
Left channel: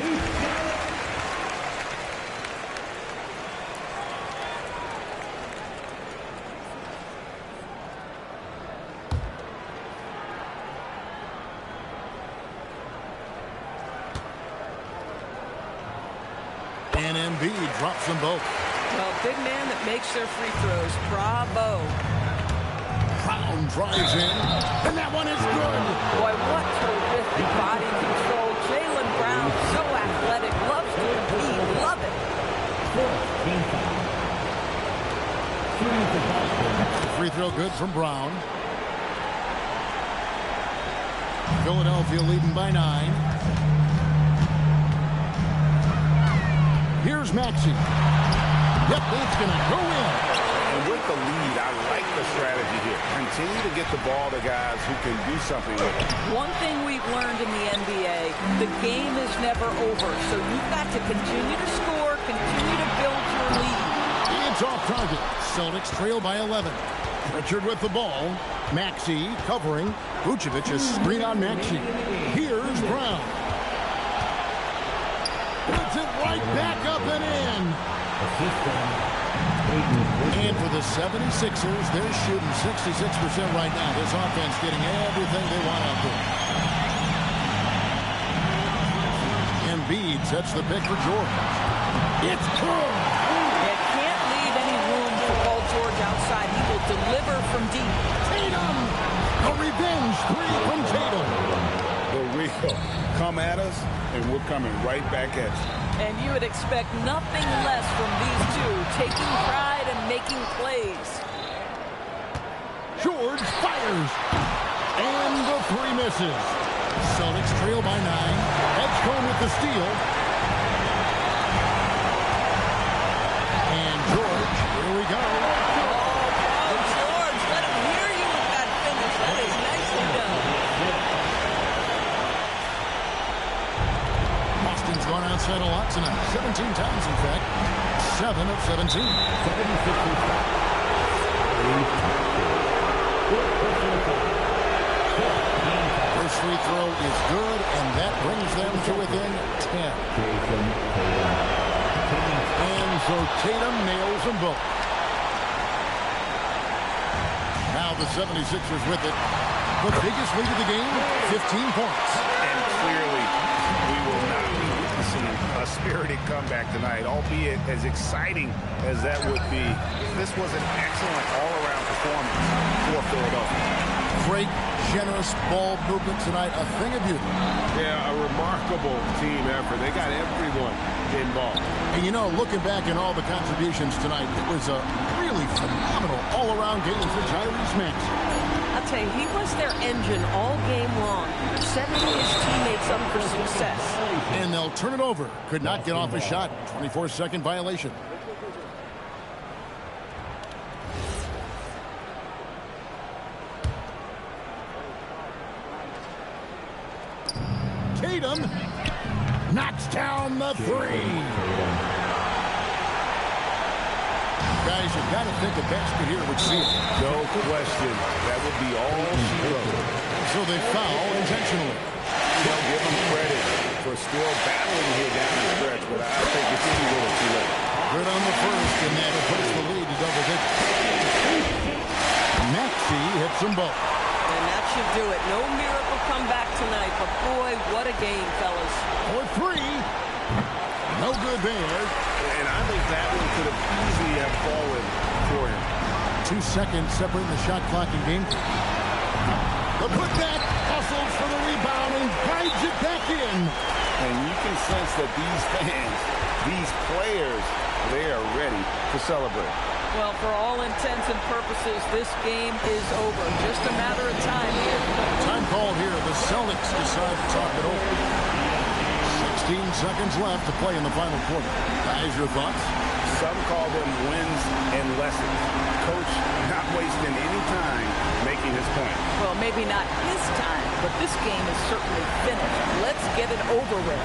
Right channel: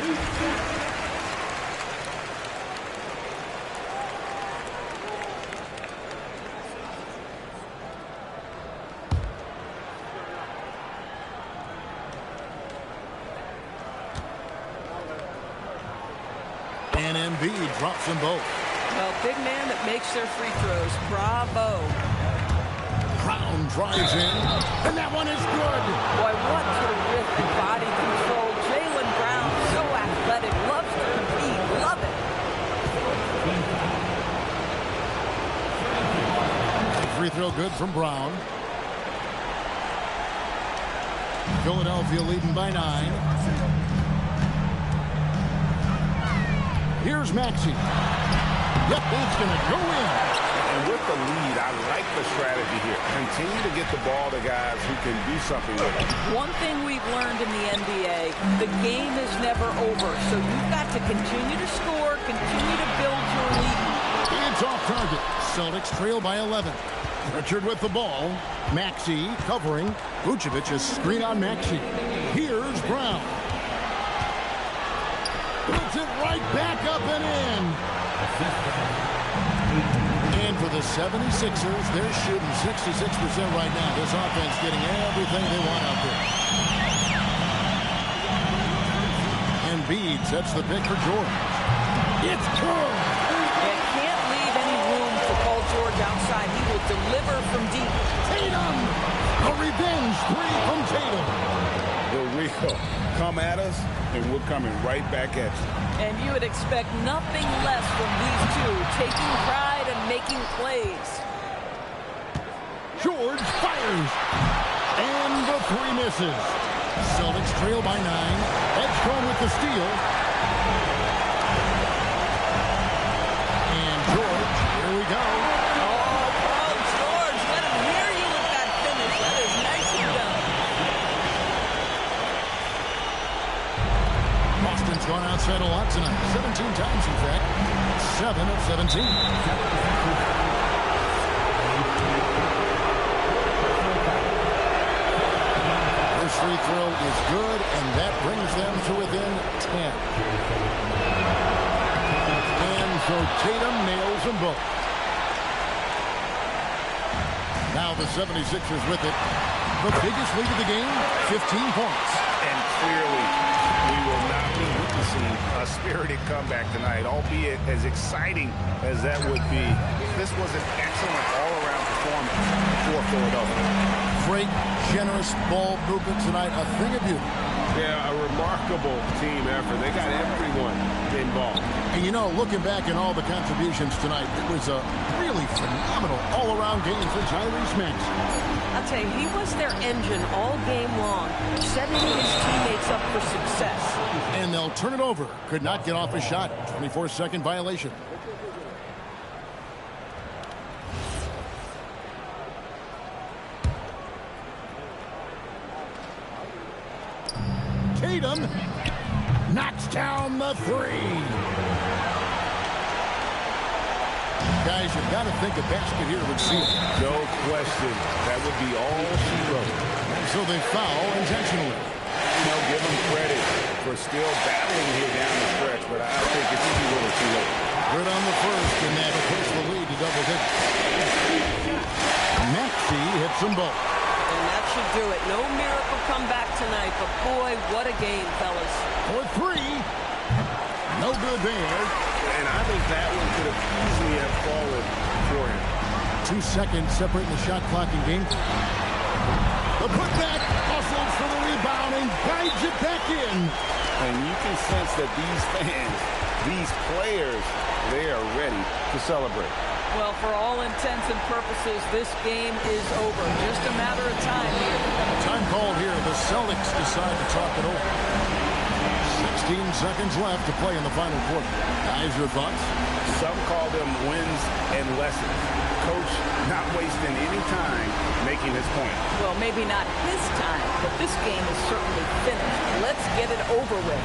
And Embiid drops them both. Well, big man that makes their free throws. Bravo. Brown drives in, and that one is good. Boy, what terrific body control. Jaylen Brown, so athletic, loves to compete. Love it. Free throw good from Brown. Philadelphia leading by 9. Here's Maxey. Yep, that's going to go in. And with the lead, I like the strategy here. Continue to get the ball to guys who can do something with it. One thing we've learned in the NBA, the game is never over. So you've got to continue to score, continue to build your lead. It's off target. Celtics trail by 11. Pritchard with the ball. Maxey covering. Vucevic a screen on Maxey. Here's Brown. Puts it right back up and in. And for the 76ers, they're shooting 66% right now. This offense getting everything they want out there. Embiid sets the pick for George. It's good. You can't leave any room for Paul George outside. He will deliver from deep. Tatum! A revenge 3 from Tatum. The real come at us, and we're coming right back at you. And you would expect nothing less from these two, taking pride and making plays. George fires. And the 3 misses. Celtics trail by 9. Edgecombe with the steal. And George, here we go. Oh, Paul George, let him hear you with that finish. That is nicely done. Boston's gone outside a lot tonight. 17 times, in fact. 7 of 17. First free throw is good, and that brings them to within 10. And so Tatum nails them both. Now the 76ers with it. The biggest lead of the game, 15 points. And clearly, we will not be witnessing a spirited comeback tonight, albeit as exciting as that would be. This was an excellent all-around performance for Philadelphia. Great, generous ball movement tonight, a thing of beauty. Yeah, a remarkable team effort. They got everyone involved. And you know, looking back at all the contributions tonight, it was a really phenomenal all-around game for Tyrese Maxey. I'll tell you, he was their engine all game long, setting his teammates up for success. And they'll turn it over. Could not get off a shot. 24-second violation. Tatum knocks down the 3. Guys, you've got to think a basket here would seal it. No question. That would be all she wrote. And so they foul intentionally. They'll give them credit for still battling here down the stretch, but I think it's a little too late. Good on the first, and that'll push the lead to double digits. Maxey hits them both. And that should do it. No miracle comeback tonight, but boy, what a game, fellas. For 3. No good there. And I think that one could have easily have fallen for him. 2 seconds separating the shot clock and game. The putback, hustles for the rebound and finds it back in. And you can sense that these fans, these players, they are ready to celebrate. Well, for all intents and purposes, this game is over. Just a matter of time here. Time called here. The Celtics decide to talk it over. 16 seconds left to play in the final quarter. Guys, your thoughts? Some call them wins and lessons. Coach not wasting any time making his point. Well, maybe not his time, but this game is certainly finished. Let's get it over with.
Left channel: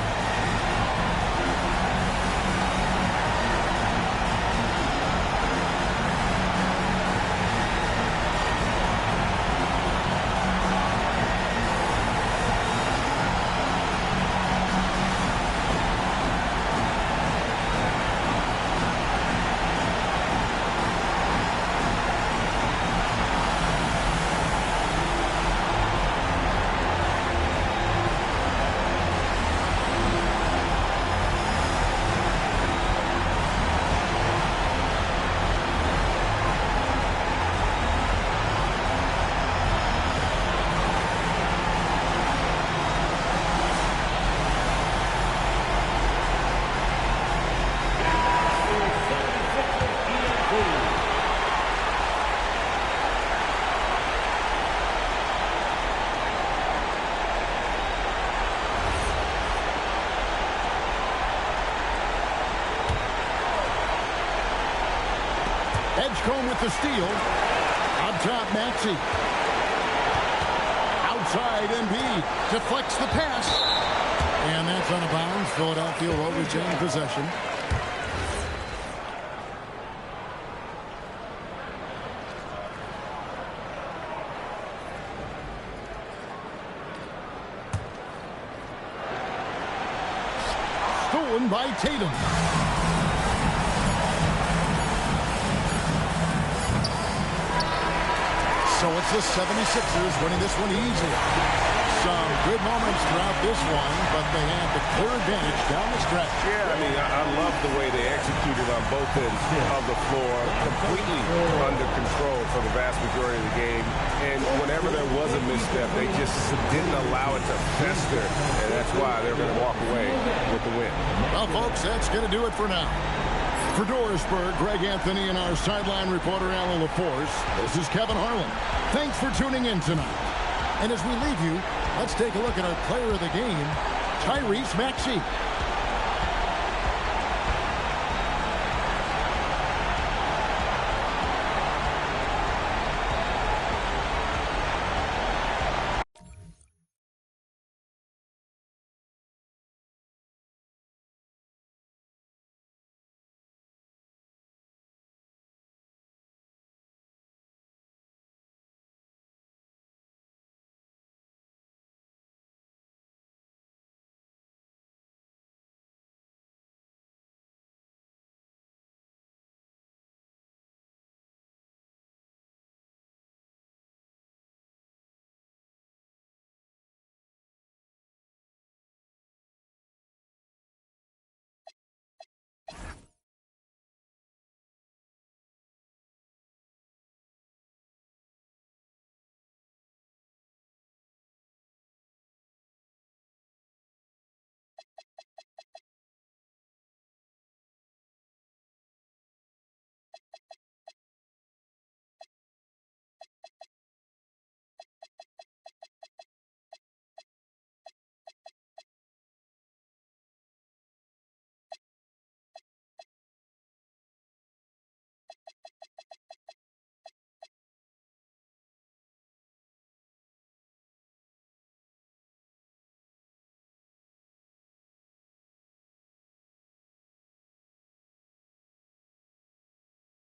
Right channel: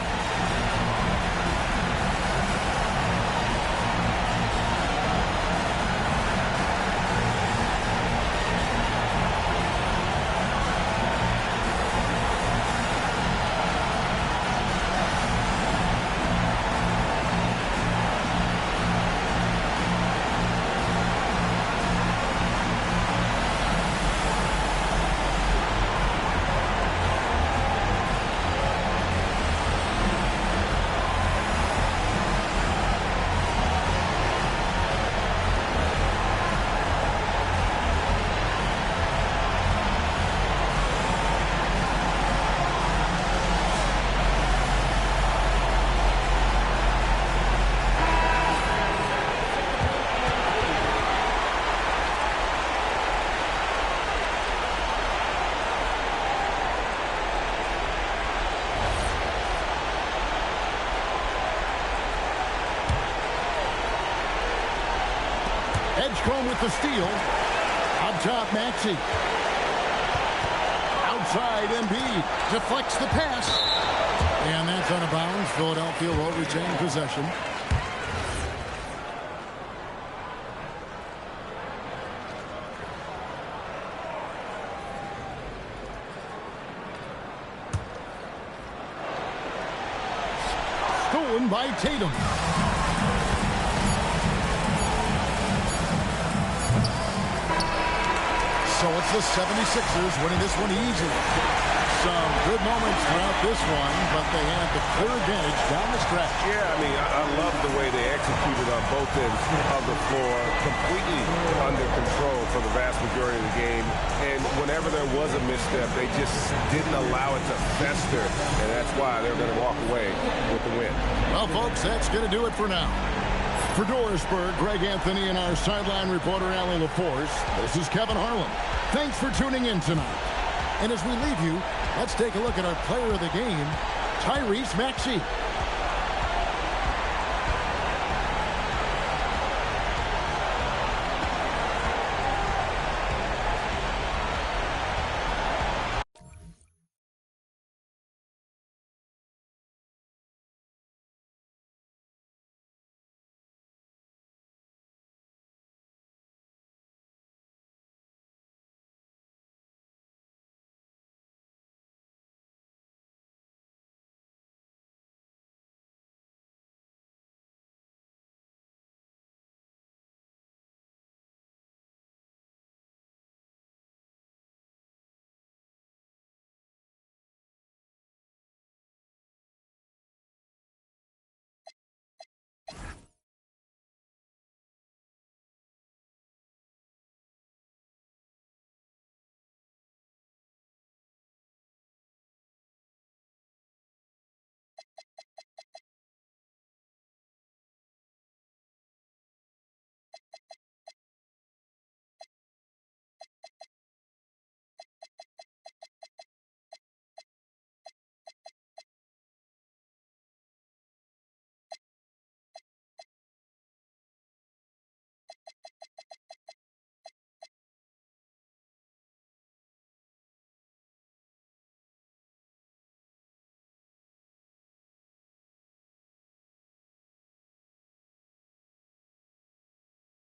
Edgecombe with the steal. Up top, Maxey. Outside, Embiid. Deflects the pass. And that's out of bounds. Philadelphia will retain possession. Stolen by Tatum. So it's the 76ers winning this one easily. Some good moments throughout this one, but they had the clear advantage down the stretch. Yeah, I mean, I love the way they executed on both ends of the floor, completely under control for the vast majority of the game. And whenever there was a misstep, they just didn't allow it to fester, and that's why they're going to walk away with the win. Well, folks, that's going to do it for now. For Dorisburg, Greg Anthony, and our sideline reporter, Allie LaForce, this is Kevin Harlan. Thanks for tuning in tonight. And as we leave you, let's take a look at our player of the game, Tyrese Maxey.